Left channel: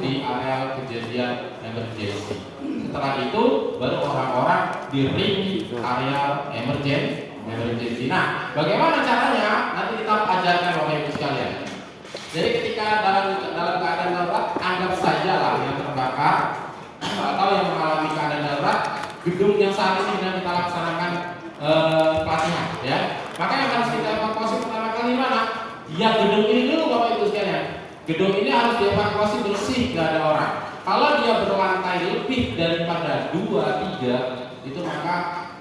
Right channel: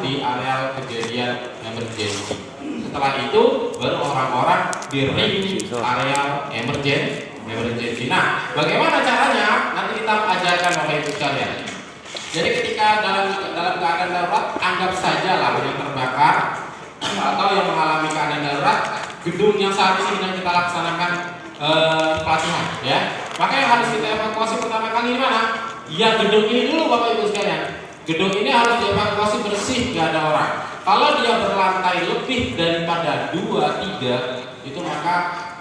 di area kejadian emergency. Setelah itu baru orang-orang di ring area emergency. Nah, bagaimana caranya? Nanti kita ajarkan Bapak Ibu sekalian. Jadi ketika dalam keadaan darurat, anggap saja lah yang terbakar atau yang mengalami keadaan darurat, gedung yang saat ini sedang kita laksanakan pelatihan, ya. Maka yang harus kita evakuasi pertama kali mana? Ya gedung ini dulu Bapak Ibu sekalian. Gedung ini harus dievakuasi bersih, gak ada orang. Kalau dia berlantai lebih daripada 2, 3, itu maka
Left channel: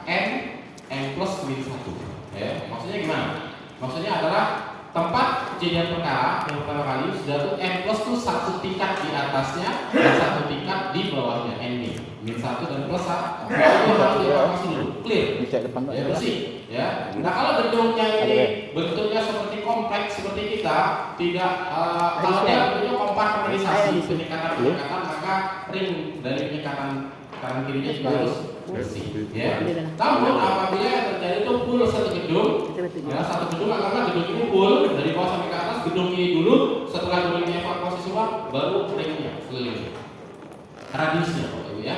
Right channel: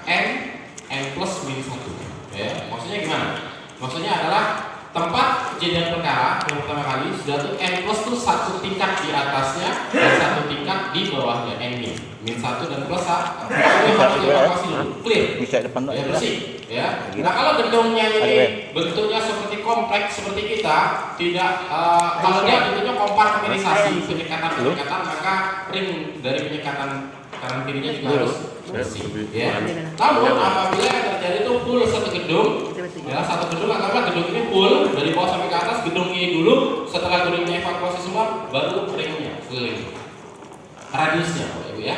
N plus min 1. Ya, maksudnya gimana? Maksudnya adalah tempat kejadian perkara yang pertama kali sudah tuh N plus tuh 1 tingkat di atasnya dan 1 tingkat di bawahnya N min 1 dan plus 1. Itu harus dievakuasi dulu. Clear? Bisa depan Ya, bersih. Ya. Nah kalau gedungnya ini bentuknya seperti kompleks seperti kita, tidak kalau dia bentuknya kompartmentalisasi penyekatan, maka ring dari penyekatan kanan kirinya juga harus bersih. Ya. Namun apabila yang terjadi itu full satu gedung, ya satu gedung anggaplah gedung ini full dari bawah sampai ke atas, gedung ini dulu, setelah gedungnya evakuasi semua, baru ringnya keliling. Radiusnya, Bapak Ibu ya,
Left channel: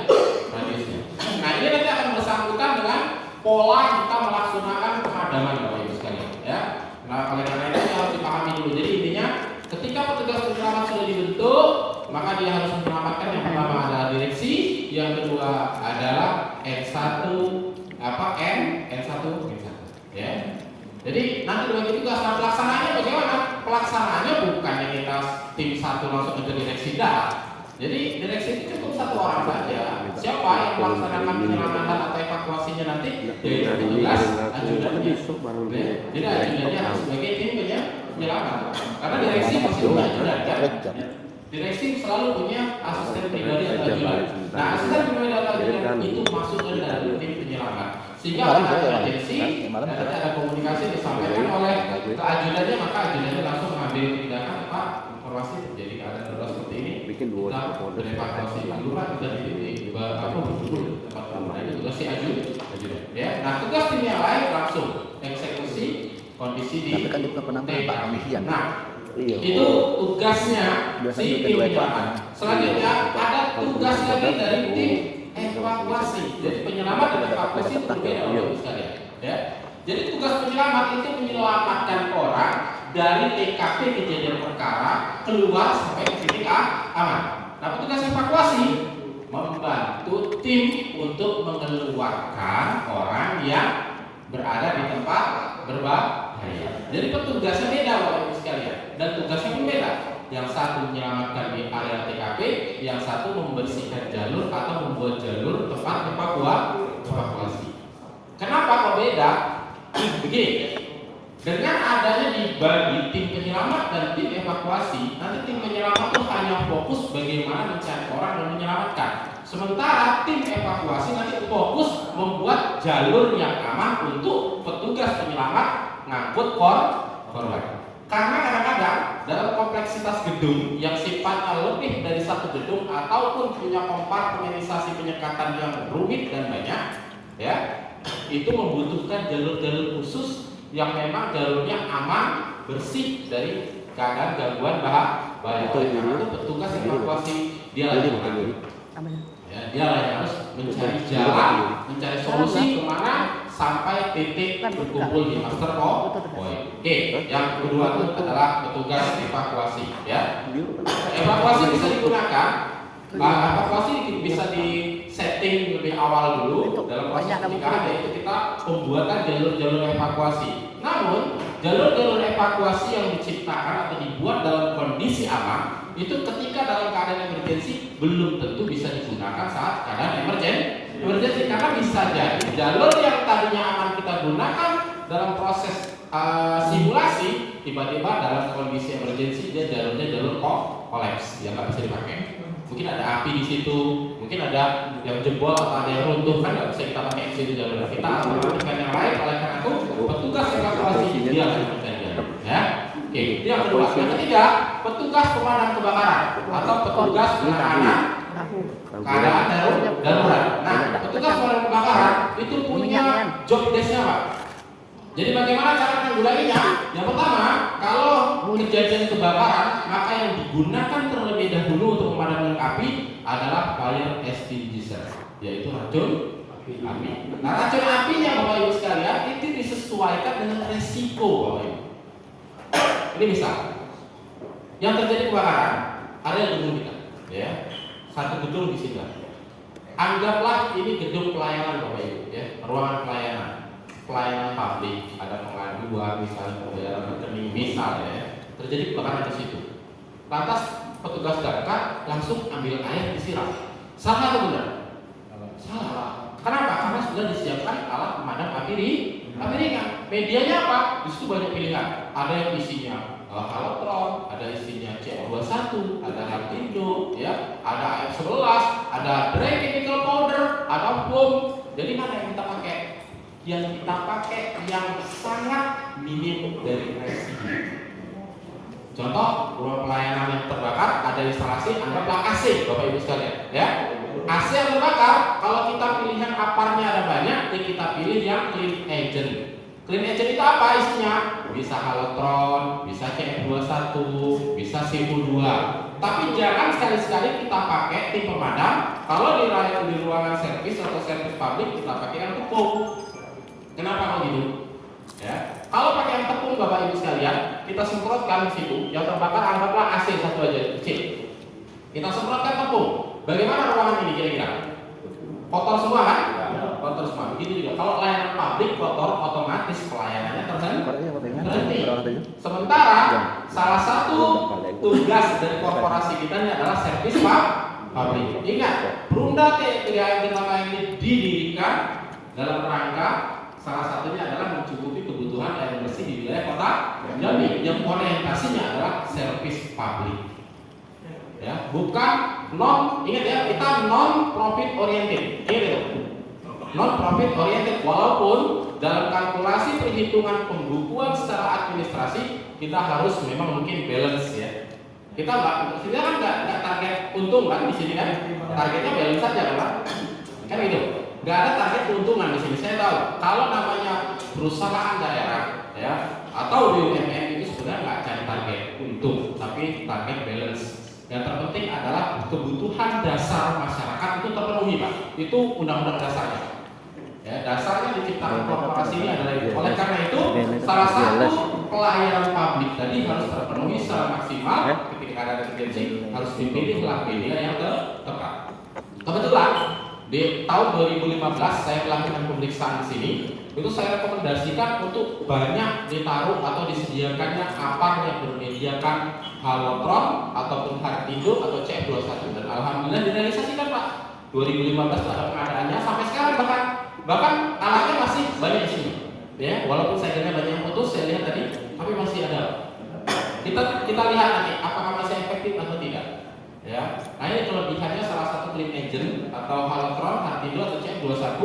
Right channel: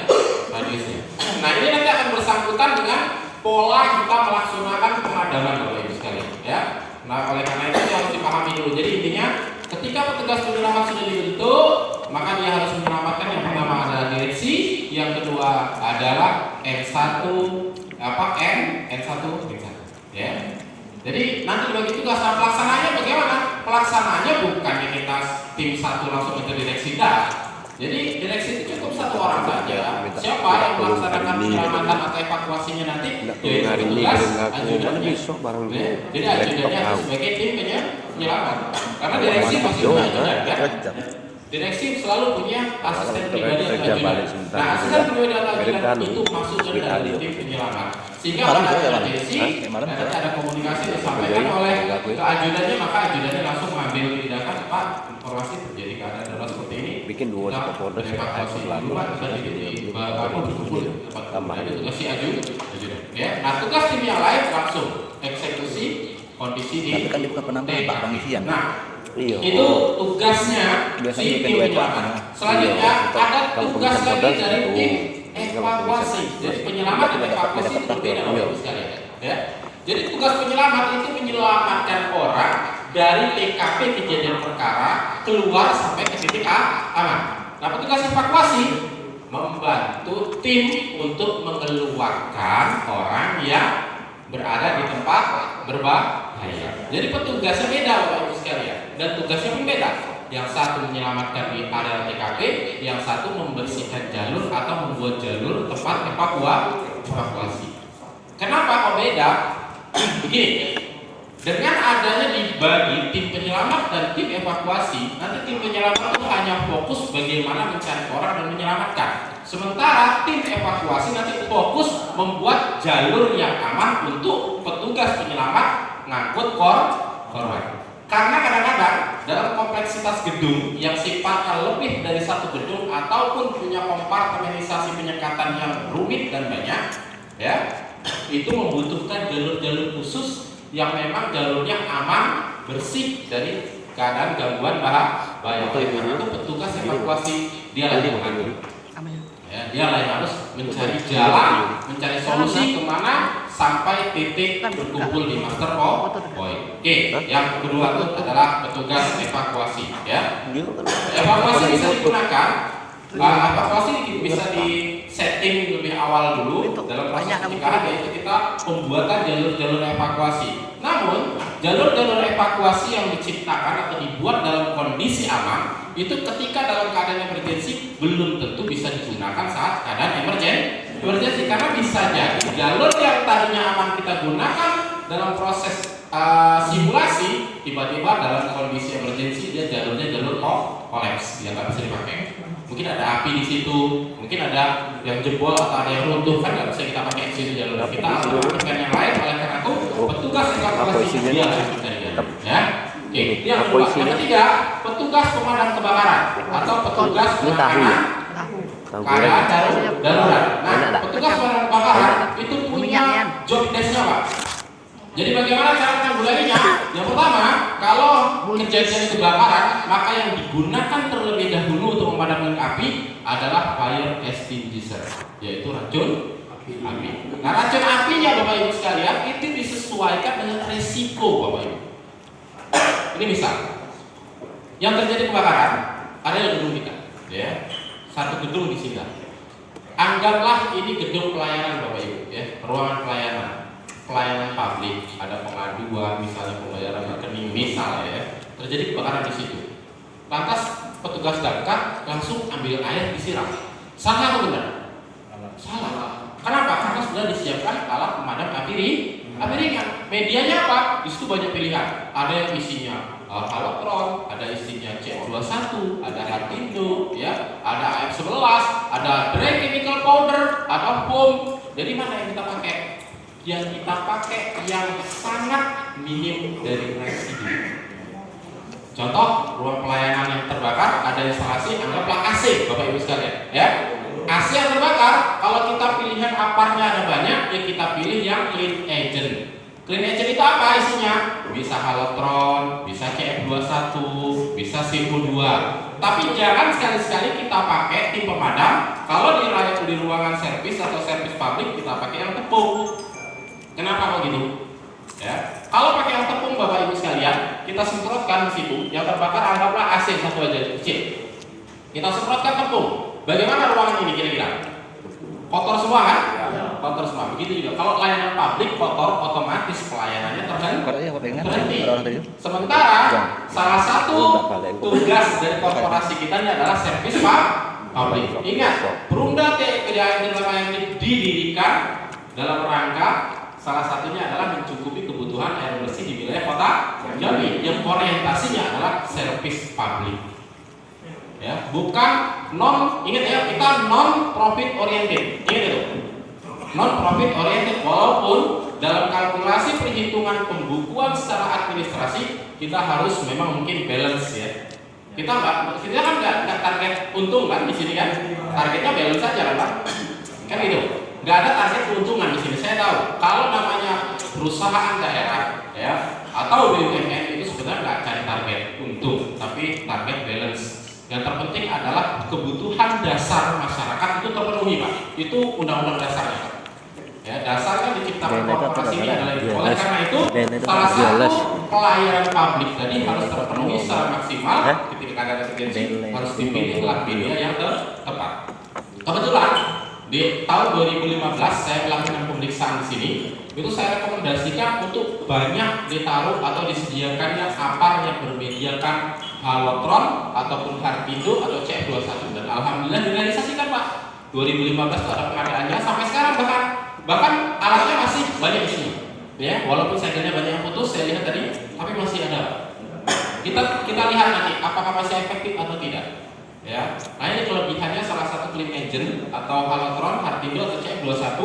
radiusnya. Nah ini nanti akan bersangkutan dengan pola kita melaksanakan pemadaman Bapak Ibu sekalian, ya. Nah oleh karena itu harus dipahami dulu. Jadi intinya ketika petugas penyelamat sudah dibentuk, maka dia harus menyelamatkan yang pertama adalah direksi, yang kedua adalah N1, ya. Jadi nanti bagi tugas pelaksananya bagaimana? Pelaksananya bukannya kita tim 1 langsung ke direksi dah. Jadi direksi itu cukup 1 orang saja. Siapa yang melaksanakan penyelamatan atau evakuasinya nanti? Yaitu petugas ajudannya. Jadi ajudannya harus sebagai tim penyelamat. Karena direksi pasti punya ajudan kan? Direksi selalu punya asisten pribadi atau ajudan. Nah, asisten pribadi atau ajudan itu maksudnya dari tim penyelamat. Sehingga direksi ada komunikasi disampaikan oleh ke ajudannya, maka ajudannya langsung mengambil tindakan. Pak, informasi terjadi keadaan darurat seperti ini. Bikin 2 folder evakuasi dulu Pak, tadi di tempat tambah itu tugas si ajudan. Ya, nah tugas tim yang lain langsung eksekusi kondisi di. Tapi kan bukan penampilan Pak pengisian. Nah, itu tugasnya si tim penyelamat. Selanjutnya ada tugas lagi dari tim evakuasi. Jadi penyelamat dan evakuasi itu berbeda sekalian. Ya, jadi tugas penyelamat itu menyelamatkan orang dari TKP kejadian perkara keluar sampai ke titik aman. Nah, petugas evakuasi membantu tim untuk mengeluarkan orang yang berada di tempat berbahaya. Jadi petugasnya beda Bapak Ibu sekalian, dan tugasnya pun beda. Yang satu menyelamatkan di area TKP, yang satu membersihkan jalur atau membuat jalur tempat evakuasi. Kenapa kok beda? Begini. Dengan adanya dibagi tim penyelamat dan tim evakuasi, nanti tim penyelamat itu hanya fokus bagaimana mencari orang dan menyelamatkan. Sementara tim evakuasi nanti fokus membuat jalur yang aman untuk petugas penyelamat ngangkut korban. Karena kadang-kadang dalam kompleksitas gedung yang sifatnya lebih dari 1 gedung ataupun punya kompartmentalisasi penyekatan yang rumit dan banyak, ya, itu membutuhkan jalur-jalur khusus yang memang jalurnya aman, bersih dari keadaan gangguan bahaya. Itu petugas evakuasi dia lagi ya, dia yang harus mencari jalan, mencari solusi kemana sampai titik berkumpul di master point. Oke, yang kedua itu adalah petugas evakuasi. Ya, evakuasi bisa digunakan. Evakuasi bisa di setting lebih awal dulu dalam proses pencegahan, yaitu kita pembuatan jalur-jalur evakuasi. Namun jalur-jalur evakuasi yang diciptakan atau dibuat dalam kondisi aman itu ketika dalam keadaan emergensi belum tentu bisa digunakan saat keadaan emergensi, karena bisa jadi jalur yang tadinya aman kita gunakan dalam proses simulasi tiba-tiba dalam kondisi emergensi dia jalurnya jalur kolaps, dia nggak bisa dipakai. Mungkin ada api di situ, mungkin ada yang jebol atau ada yang runtuh, kan nggak bisa kita pakai di jalur kita atau dengan yang lain. Oleh karena itu petugas evakuasi dia ya. Oke, itu yang kedua. Yang ketiga, petugas pemadam kebakaran atau petugas penanganan keadaan darurat. Nah, petugas pemadam kebakaran itu punya job desk-nya Pak. Jadi bagaimana cara menanggulanginya? Yang pertama, kalau kejadian kebakaran, maka yang digunakan terlebih dahulu untuk memadamkan yaitu racun api. Nah, racun apinya Bapak Ibu sekalian itu disesuaikan dengan resiko Bapak Ibu. Ini misal yang terjadi kebakaran ada yang gedung kita, ya, satu gedung di sini. Anggaplah ini gedung pelayanan Bapak Ibu, ya, ruangan pelayanan publik, ada pengaduan, misalnya pembayaran rekening, misalnya, ya, terjadi kebakaran di situ. Lantas petugas damkar langsung ambil air disiram. Salah atau benar? Salah. Kenapa? Karena sudah disiapkan alat pemadam api ringan. Medianya apa? Di situ banyak pilihan. Ada yang isinya halotron, ada isinya C21, ada Hartindo, ya, ada AF11, ada dry chemical powder, ada foam. Jadi mana yang kita pakai? Yang kita pakai yang sangat minim dari residu. Contoh, ruang pelayanan yang terbakar ada instalasi, anggaplah AC, Bapak Ibu sekalian, ya. AC yang terbakar, kalau kita pilihan aparnya ada banyak, ya kita pilih yang clean agent. Clean agent itu apa isinya? Bisa halotron, bisa CF21, bisa CO2. Tapi jangan sekali-sekali kita pakai tim pemadam. Kalau di ruangan servis atau servis publik kita pakai yang tepung. Kenapa begitu? Ya. Kalau pakai yang tepung Bapak Ibu sekalian, kita semprotkan di situ. Yang terbakar anggaplah AC satu aja kecil. Kita semprotkan tepung. Bagaimana ruangan ini kira-kira? Kotor semua kan? Kotor semua. Begitu juga. Kalau layanan publik kotor, otomatis pelayanannya terhenti. Sementara salah satu tugas dari korporasi kita ini adalah servis publik. Ingat, Perumda TPDAM ini didirikan dalam rangka salah satunya adalah mencukupi kebutuhan air bersih di wilayah kota Jambi yang orientasinya adalah servis publik. Ya, bukan ingat ya, kita non profit oriented. Ingat itu. Non profit oriented, walaupun dalam kalkulasi perhitungan pembukuan secara administrasi kita harus memang mungkin balance, ya. Kita kan nggak target untung kan di sini kan, targetnya balance saja kan gitu. Nggak ada target keuntungan di sini. Saya tahu kalau namanya perusahaan daerah, ya, atau BUMN itu sebenarnya nggak cari target untung, tapi target balance. Yang terpenting adalah kebutuhan dasar masyarakat itu terpenuhi, Pak. Itu undang-undang dasarnya. Ya, dasarnya diciptakan korporasi ini adalah itu. Oleh karena itu, salah satu pelayanan publik tadi harus terpenuhi secara maksimal. Ketika ada emergency harus dipilihlah media yang tepat. Kebetulan di tahun 2015 saya melakukan pemeriksaan di sini. Itu saya rekomendasikan untuk banyak ditaruh atau disediakannya apar yang bermediakan halotron ataupun Hartindo atau CF21, dan alhamdulillah direalisasikan Pak. 2015 ada pengadaannya sampai sekarang, bahkan alatnya masih banyak di sini. Ya, walaupun segelnya banyak yang putus, saya lihat tadi, tapi masih ada. Kita lihat nanti apakah masih efektif atau tidak. Ya, nah ini kelebihannya salah satu clean agent atau halotron, Hartindo atau CF21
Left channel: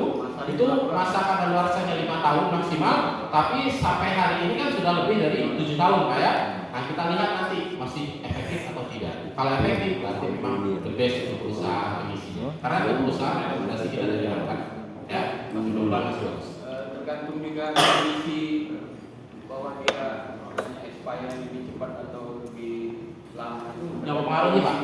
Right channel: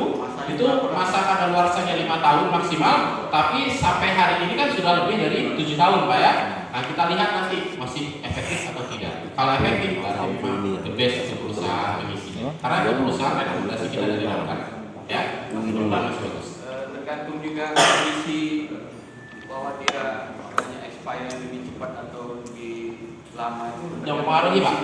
itu masa kadaluarsanya 5 tahun maksimal, tapi sampai hari ini kan sudah lebih dari 7 tahun Pak, ya. Nah kita lihat nanti masih efektif atau tidak. Kalau efektif berarti memang the best untuk perusahaan pengisi. Karena itu perusahaan rekomendasi kita dari Damkar, ya. Mudah-mudahan masih bagus. Tergantung juga kondisi bahwa dia expire lebih cepat atau lebih lama itu. Yang mempengaruhi Pak.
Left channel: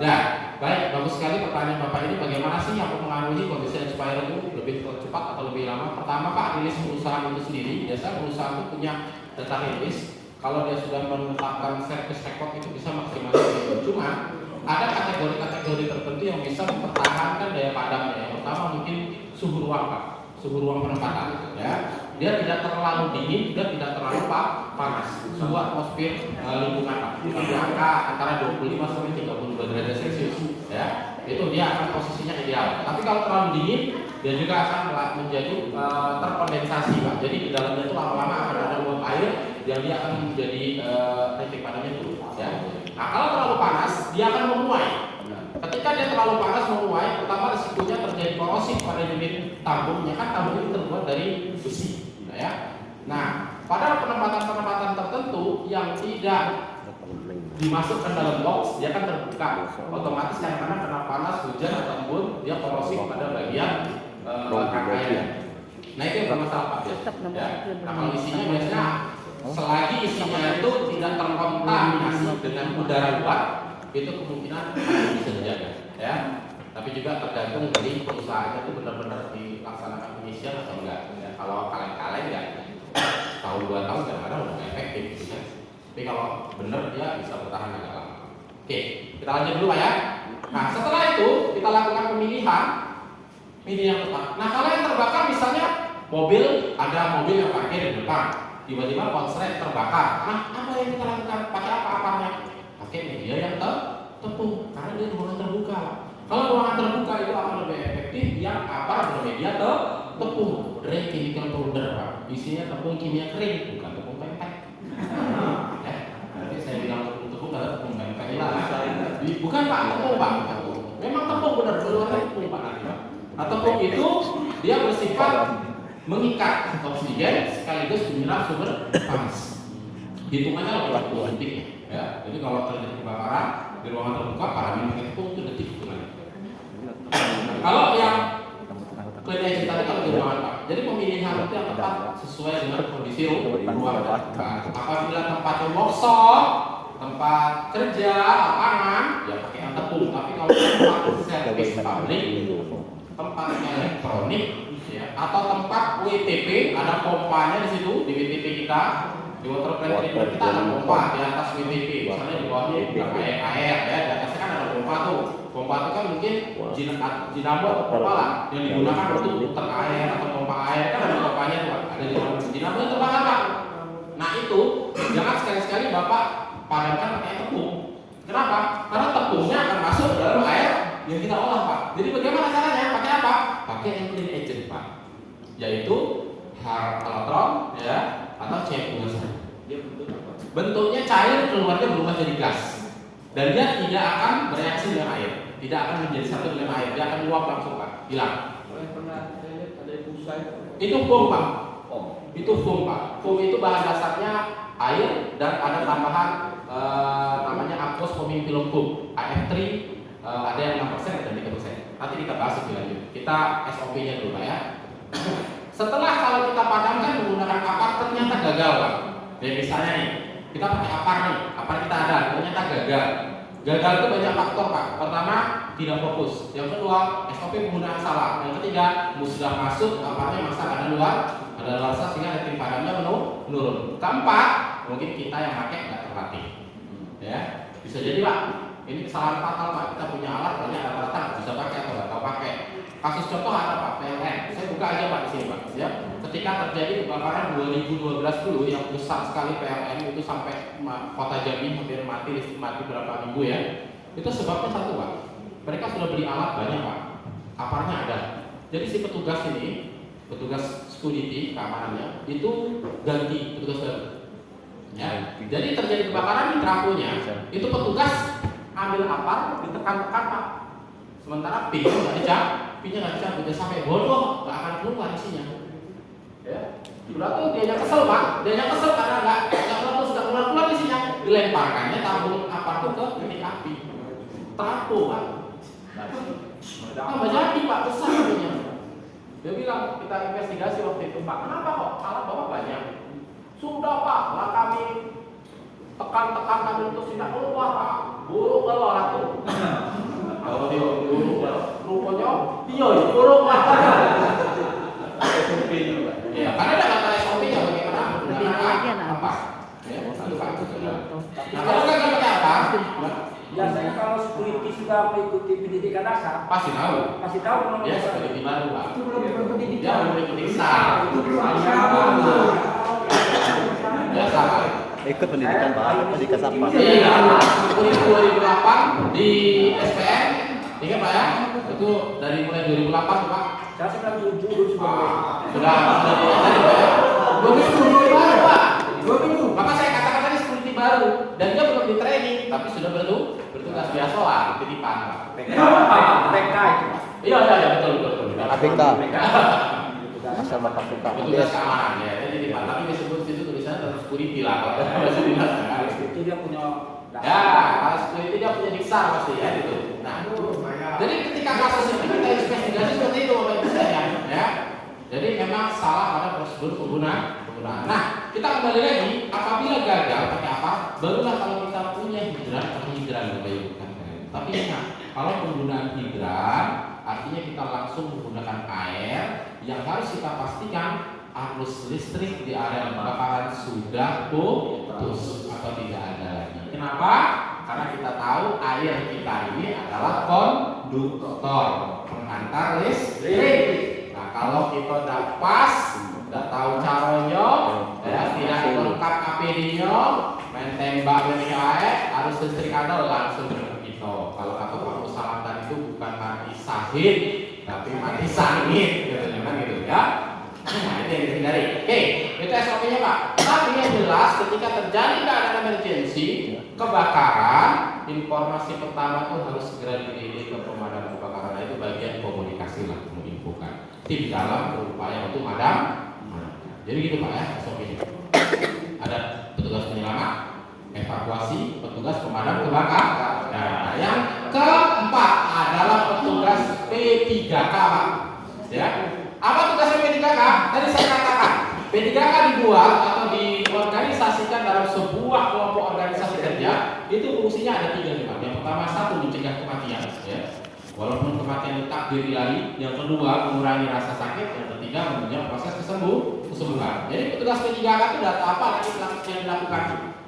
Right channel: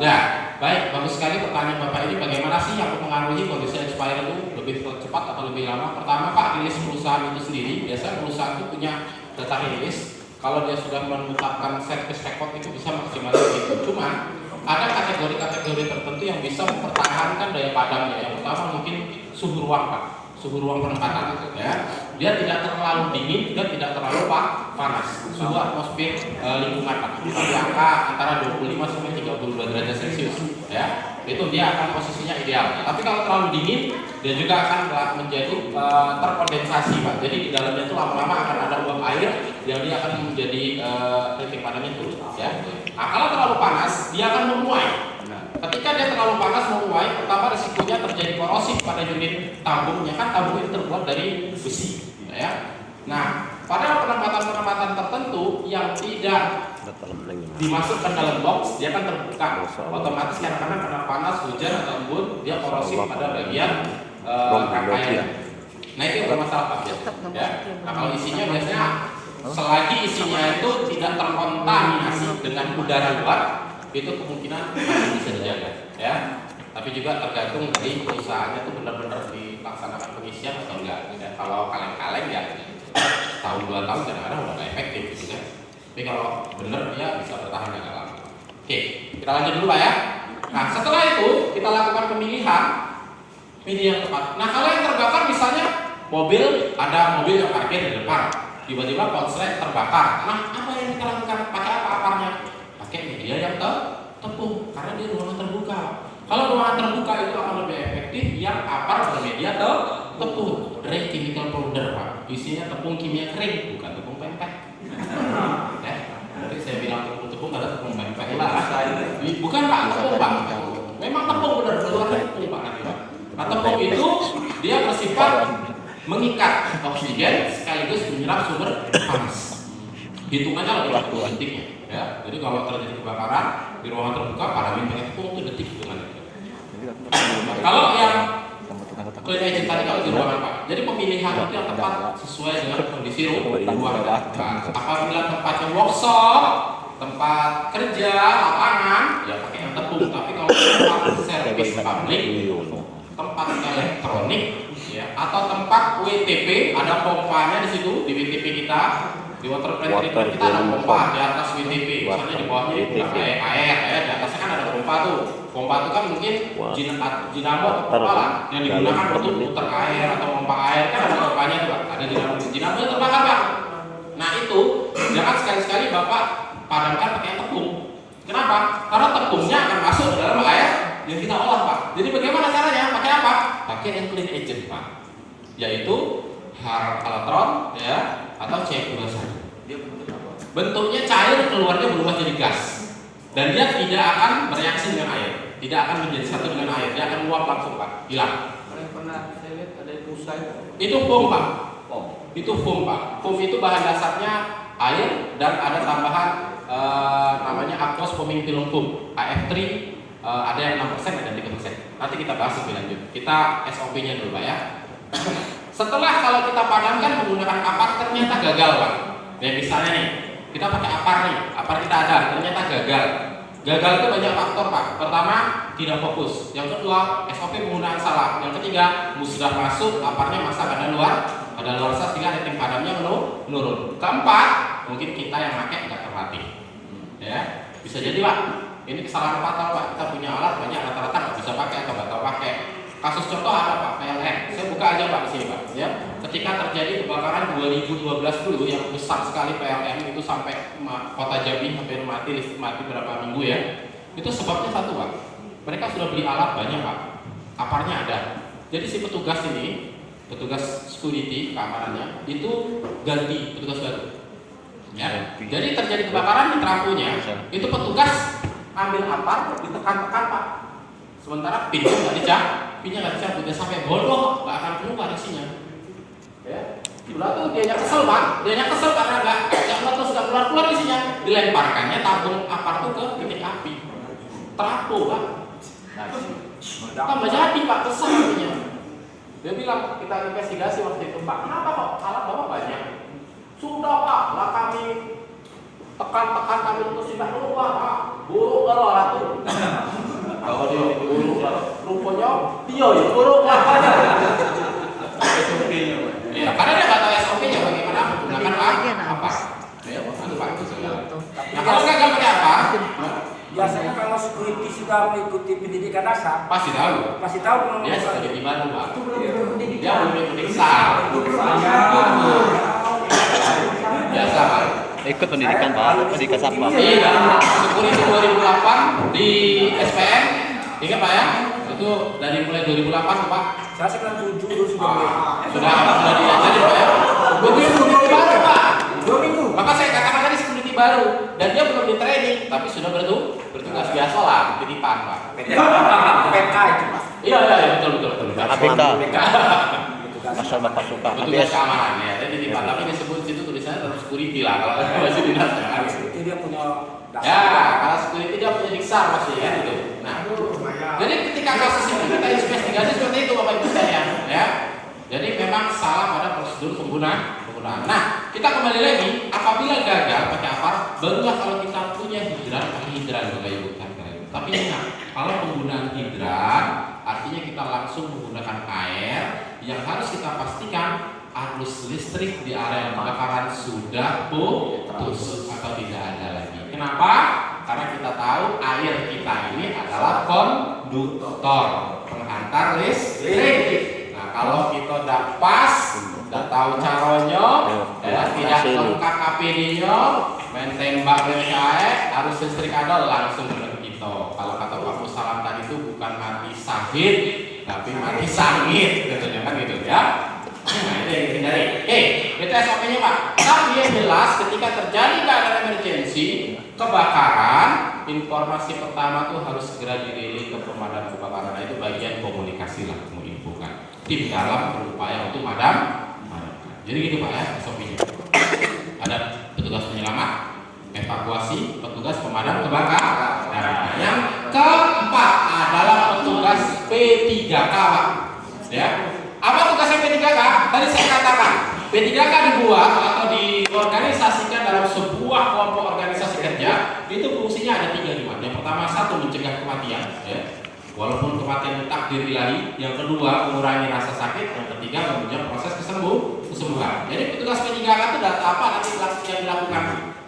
Ya, baik, bagus sekali pertanyaan Bapak ini. Bagaimana sih yang mempengaruhi kondisi expire itu lebih cepat atau lebih lama? Pertama Pak, rilis perusahaan itu sendiri. Biasa perusahaan itu punya data rilis. Kalau dia sudah menetapkan service record itu bisa maksimal itu. Cuma ada kategori-kategori tertentu yang bisa mempertahankan daya padamnya. Yang pertama mungkin suhu ruang Pak, suhu ruang penempatan, ya. Dia tidak terlalu dingin, juga tidak terlalu panas. Suhu atmosfer lingkungan Pak di angka antara 25 sampai 32 derajat Celcius, ya. Itu dia akan posisinya ideal. Tapi kalau terlalu dingin, dia juga akan menjadi terkondensasi Pak. Jadi di dalamnya itu lama-lama akan ada uap air yang dia akan menjadi titik padamnya turun, ya. Nah, kalau terlalu panas, dia akan memuai. Ketika dia terlalu panas memuai, pertama risikonya terjadi korosif pada unit tabungnya, kan tabung itu terbuat dari besi, ya. Nah, pada penempatan-penempatan tertentu yang tidak dimasukkan dalam box, dia akan terbuka. Otomatis kadang-kadang kena panas, hujan atau embun, dia korosif pada bagian rangkaian. Nah itu yang bermasalah Pak. Ya. Nah kalau isinya biasanya selagi isinya itu tidak terkontaminasi dengan udara luar, itu kemungkinan masih bisa dijaga. Ya. Tapi juga tergantung dari perusahaannya tuh benar-benar dilaksanakan pengisian atau enggak. Ya, kalau kaleng-kaleng ya tahun 2 tahun kadang-kadang udah nggak efektif gitu ya. Tapi kalau benar dia bisa bertahan agak lama. Oke, kita lanjut dulu Pak ya. Nah setelah itu kita lakukan pemilihan media yang tepat. Nah kalau yang terbakar misalnya ada mobil yang parkir di depan, tiba-tiba konslet terbakar. Nah apa yang diterangkan? Pakai apa aparnya? Pakai media yang tepung karena dia ruangan terbuka. Kalau ruangan terbuka itu akan lebih efektif yang apar bermedia tepung. Dry chemical powder Pak. Isinya tepung kimia kering, bukan tepung pempek. Ya, nanti saya bilang tepung adalah tepung pempek lah. Bukan Pak, tepung Pak. Memang tepung benar, keluarnya tepung Pak nanti Pak. Nah tepung itu dia bersifat mengikat oksigen sekaligus menyerap sumber panas. Hitungannya lebih detiknya. Ya, jadi kalau terjadi kebakaran di ruangan terbuka, parameter tepung itu detik hitungannya. Kalau yang clean agent tadi kalau di ruangan Pak, jadi pemilihan itu yang tepat sesuai dengan kondisi ruangan. Nah, apabila tempatnya workshop, tempat kerja, lapangan, ya pakai yang tepung. Tapi kalau tempat servis pabrik, tempat elektronik, ya, atau tempat WTP, ada pompanya di situ di WTP kita. Di water plant treatment kita ada pompa di atas WTP, misalnya di bawahnya air, di atasnya kan ada pompa tuh. Pompa itu kan mungkin dinamo atau pompa lah yang digunakan untuk muter air atau pompa air, kan ada pompanya tuh Pak. Ada dinamo yang terbakar Pak. Nah itu jangan sekali-sekali Bapak padamkan pakai tepung. Kenapa? Karena tepungnya akan masuk ke dalam air yang kita olah Pak. Jadi bagaimana caranya? Pakai apa? Pakai yang clean agent Pak, yaitu halatron ya atau C2. Bentuknya cair, keluarnya berubah jadi gas, dan dia tidak akan bereaksi dengan air, tidak akan menjadi satu dengan air, dia akan uap langsung Pak, hilang. Yang pernah saya lihat ada busa itu foam Pak. Itu foam Pak. Foam itu bahan dasarnya air dan ada tambahan namanya aqueous foaming film foam AF3, ada yang 6%, ada 3%. Nanti kita bahas lebih lanjut. Kita SOP-nya dulu Pak ya. Setelah kalau kita padamkan menggunakan apar ternyata gagal Pak. Ya misalnya nih, kita pakai apar nih, apar kita ada, ternyata gagal. Gagal itu banyak faktor Pak. Pertama, tidak fokus. Yang kedua, SOP penggunaan salah. Yang ketiga, sudah masuk, aparnya masak ada luar sehingga rating padamnya menurun. Keempat, mungkin kita yang pakai nggak terlatih. Ya, bisa jadi Pak. Ini kesalahan fatal Pak. Kita punya alat banyak, rata-rata nggak bisa pakai atau nggak tahu pakai. Kasus contoh ada Pak, PLN. Saya buka aja Pak di sini Pak. Ya, ketika terjadi kebakaran 2012 dulu yang besar sekali PLN itu sampai kota Jambi hampir mati, listrik mati berapa minggu ya. Itu sebabnya satu Pak. Mereka sudah beli alat banyak Pak. Aparnya ada. Jadi si petugas ini, petugas security keamanannya itu ganti petugas baru. Ya. Jadi terjadi kebakaran di trafo-nya, itu petugas ambil apar ditekan-tekan Pak. Sementara pinnya nggak dicabut, dia sampai bodoh, nggak akan keluar isinya. Ya, Udah tuh dia kesel Pak, dia kesel karena nggak keluar isinya, dilemparkannya tabung apar tuh ke titik api, trafo Pak. Tambah jadi Pak, besar artinya. Dia bilang kita investigasi waktu itu Pak, kenapa kok alat bapak banyak? Sudah Pak, lah kami tekan kami untuk tidak keluar Pak, buruk keluar tuh. Kalau dia buruk rupanya dia ya buruk apanya. Ya karena dia nggak tahu SOP-nya bagaimana menggunakan apa. Ya, Pak. Nah kalau nggak pakai apa? Biasanya kalau security sudah mengikuti pendidikan dasar, Pasti tahu. kalau Dia security baru Pak. itu belum berpendidikan. Dia belum mengikuti SAR. Biasa Pak. Ikut pendidikan Pak, apa di Kasapa? Iya, security 2008 di SPM, ingat Pak ya? Itu dari mulai 2008 Pak. Saya 97 dulu sudah Sudah diajarin Pak ya? 2 minggu baru Pak. 2 minggu. Maka saya katakan tadi security baru dan dia belum di training, tapi sudah bertugas biasa lah, titipan Pak. PK itu. Iya betul. ABK. Masal Bapak suka. Petugas keamanan ya, jadi titipan. Tapi disebut situ tulisannya tetap security lah kalau masih dinas. Itu dia punya dasar. Ya, kalau security dia punya diksar pasti ya gitu. Nah, jadi ketika kasus ini kita investigasi seperti itu Bapak Ibu sekalian, ya. Jadi memang salah pada prosedur penggunaan. Nah, kita kembali lagi, apabila gagal pakai apa? Barulah kalau kita punya hidran, pakai hidran Bapak Ibu. Tapi ingat, Kalau penggunaan hidran artinya kita langsung menggunakan air, yang harus kita pastikan arus listrik di area kebakaran sudah putus atau tidak ada lagi. Kenapa? Karena kita tahu air kita ini adalah konduktor, penghantar listrik. Nah, kalau kita tidak pas, tidak tahu caranya, tidak lengkap APD-nya, main tembak air, arus listrik ada langsung ke kita. Kalau kata Pak Musalam tadi itu bukan mati sahid, tapi mati sangit, katanya kan gitu ya. Nah, itu yang dihindari. Oke, itu SOP-nya Pak. Tapi yang jelas ketika terjadi keadaan emergensi, kebakaran, informasi pertama tuh harus segera dirilis ke pemadam kebakaran. Nah, itu bagian komunikasi lah, menginfokan. Tim dalam berupaya untuk madam. Jadi gitu Pak ya, SOP-nya. Ada petugas penyelamat, evakuasi, petugas pemadam kebakaran. Nah, yang keempat adalah petugas P3K Pak. Ya. Apa tugasnya P3K? Tadi saya katakan, P3K dibuat atau diorganisasikan dalam sebuah kelompok organisasi kerja. Itu fungsinya ada 3 juga. Yang pertama, 1 mencegah kematian, ya. Walaupun kematian itu takdir ilahi. Yang kedua, mengurangi rasa sakit. Yang ketiga, menunjang proses kesembuhan. Jadi petugas P3K itu data apa nanti yang dilakukan?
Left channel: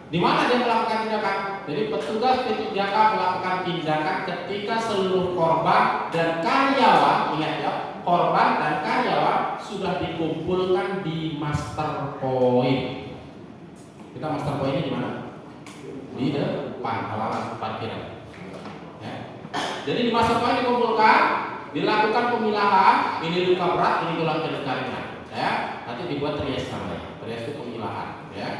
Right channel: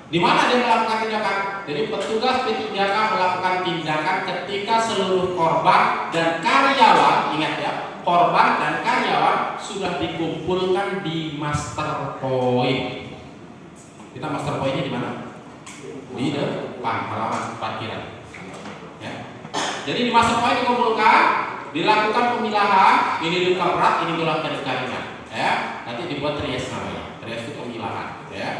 Di mana dia melakukan tindakan? Jadi petugas P3K melakukan tindakan ketika seluruh korban dan karyawan, ingat ya, korban dan karyawan sudah dikumpulkan di master point. Kita master pointnya di mana? Di depan halaman parkiran. Ya. Jadi di master point dikumpulkan, dilakukan pemilahan. Ini luka berat, ini luka ringan. Ya. Nanti dibuat trias namanya. Trias itu pemilahan. Ya.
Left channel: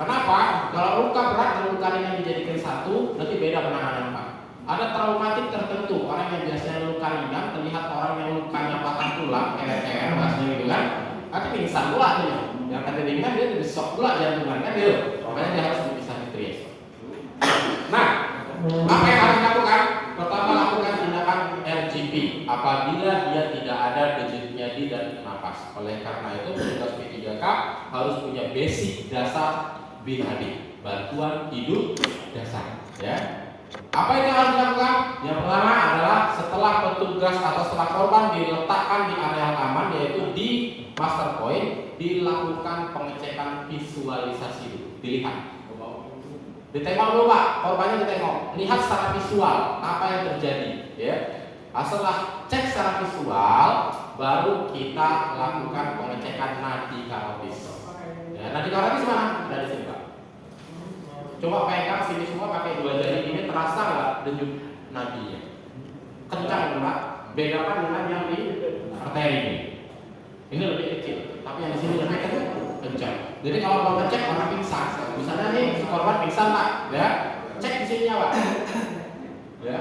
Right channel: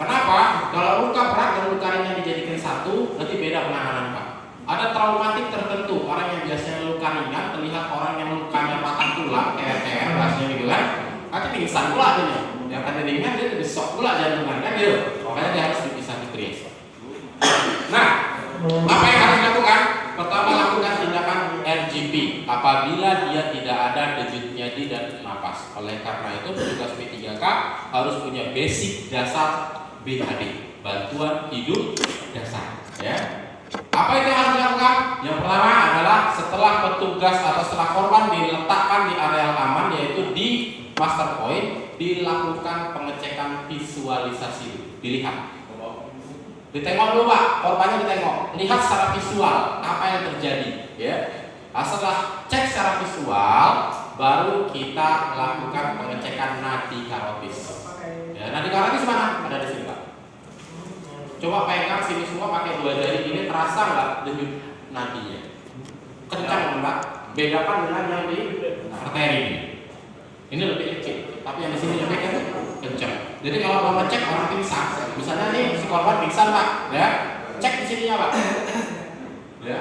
Kenapa? Kalau luka berat dan luka ringan dijadikan satu, nanti beda penanganan Pak. Ada traumatik tertentu, orang yang biasanya luka ringan terlihat orang yang lukanya patah tulang, TR bahasanya gitu kan, nanti pingsan pula artinya. Yang tadi ringan dia lebih shock pula jantungan kan gitu. Makanya dia harus dipisah di trias. Nah, apa yang harus dilakukan? Pertama, lakukan tindakan RGP apabila dia tidak ada denyut nyadi dan napas. Oleh karena itu petugas P3K harus punya basic dasar BHD, bantuan hidup dasar, ya. Apa itu yang harus dilakukan? Yang pertama adalah setelah petugas atau setelah korban diletakkan di area aman, yaitu di master point, dilakukan pengecekan visualisasi. Dilihat, ditengok dulu Pak, korbannya ditengok, lihat secara visual apa yang terjadi, ya. Nah, setelah cek secara visual, baru kita lakukan pengecekan nadi karotis. Ya, nadi karotis mana? Ada di sini Pak. Coba pegang sini semua pakai 2 jari ini, terasa nggak denyut nadinya? Kencang Pak. Bedakan dengan yang di arteri ini. Ini lebih kecil, tapi yang di sini lebih kencang. Jadi kalau mau ngecek orang pingsan, misalnya nih si korban pingsan Pak, ya, cek di sininya Pak. Ya,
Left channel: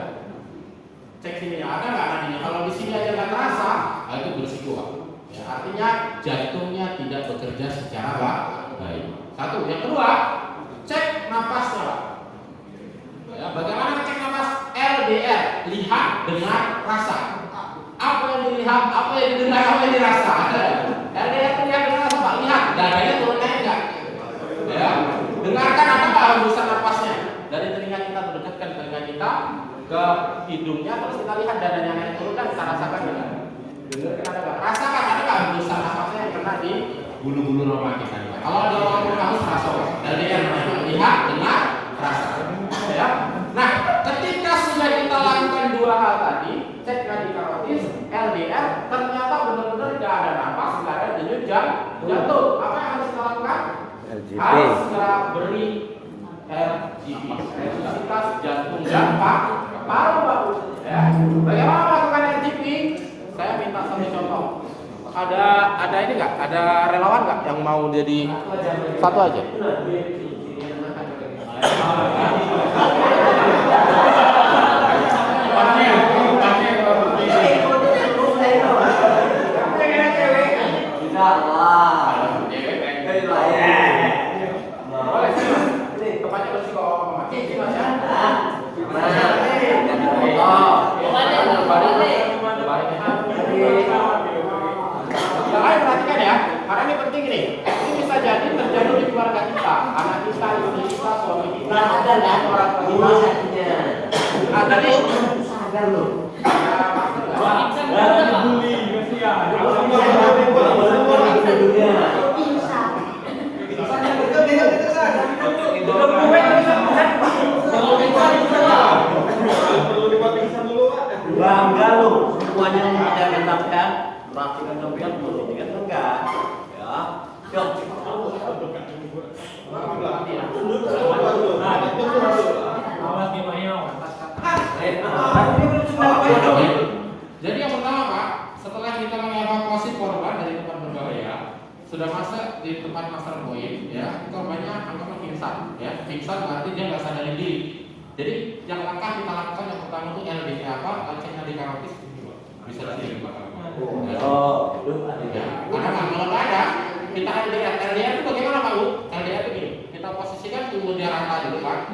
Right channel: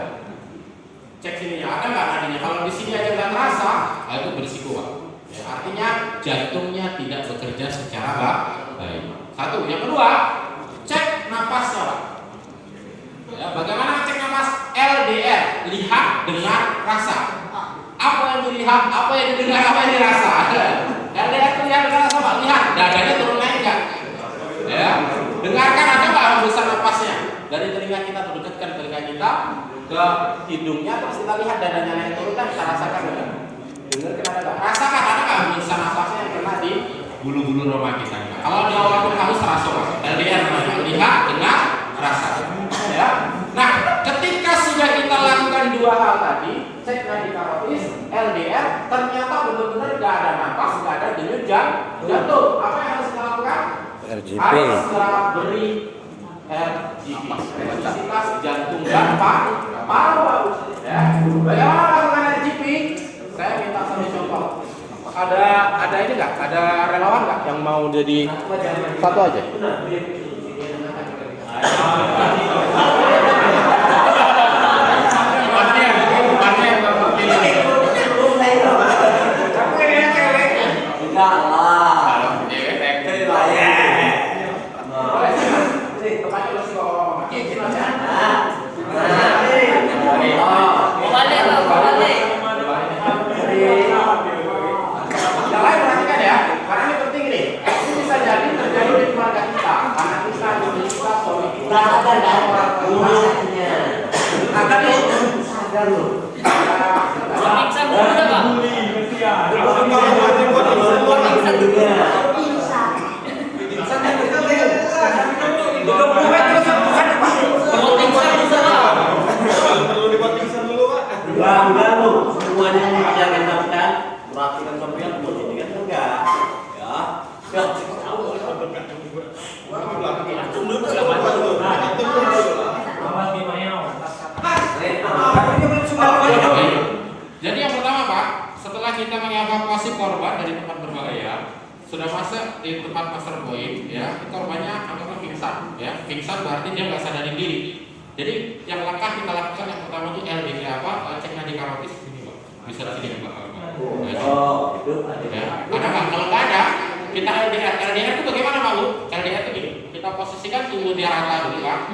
cek sininya ada nggak nadinya? Kalau di sini aja nggak terasa, itu berisiko Pak. Ya, artinya jantungnya tidak bekerja secara baik. Satu. Yang kedua, cek napasnya Pak. Ya, bagaimana cek napas? LDR, lihat dengan rasa. Apa yang dilihat, apa yang didengar, apa yang dirasa. LDR itu lihat dengan rasa Pak. Lihat, dadanya turun naik nggak? Ya, dengarkan ada nggak hembusan napasnya dari telinga kita, terdekatkan telinga kita ke hidungnya, terus kita lihat dadanya naik turun kan, kita rasakan juga. Dengarkan ada nggak? Rasakan ada nggak hembusan napasnya yang kena di bulu-bulu roma kita. Kalau dia orang itu harus terasa, LDR lihat dengan rasa. Ya. Nah, ketika sudah kita lakukan 2 hal tadi, cek nadi karotis, LDR, ternyata benar-benar nggak ada napas, nggak ada denyut jantung. Apa yang harus kita lakukan? RGP. Harus kita beri RGP, intensitas jantung dan paru-paru. Ya. Bagaimana melakukan RGP? Saya minta satu contoh. Ada ini nggak? Ada relawan nggak yang mau jadi satu aja? Bangga lu, semuanya bisa menetapkan melakukan sampean ini kan enggak, ya. Oke. Jadi yang pertama Pak, setelah kita mengevakuasi korban dari tempat berbahaya, sudah masuk di tempat master point, ya, korbannya anggaplah pingsan, ya, pingsan berarti dia nggak sadar diri. Jadi yang langkah kita lakukan yang pertama itu LDK apa? Cek nadi karotis ini Pak, bisa di sini Pak. Oh, itu Ya, ada nggak? Kalau nggak ada, kita LDR. LDR itu bagaimana Pak Bu? LDR itu gini, kita posisikan tubuh dia rata dulu Pak.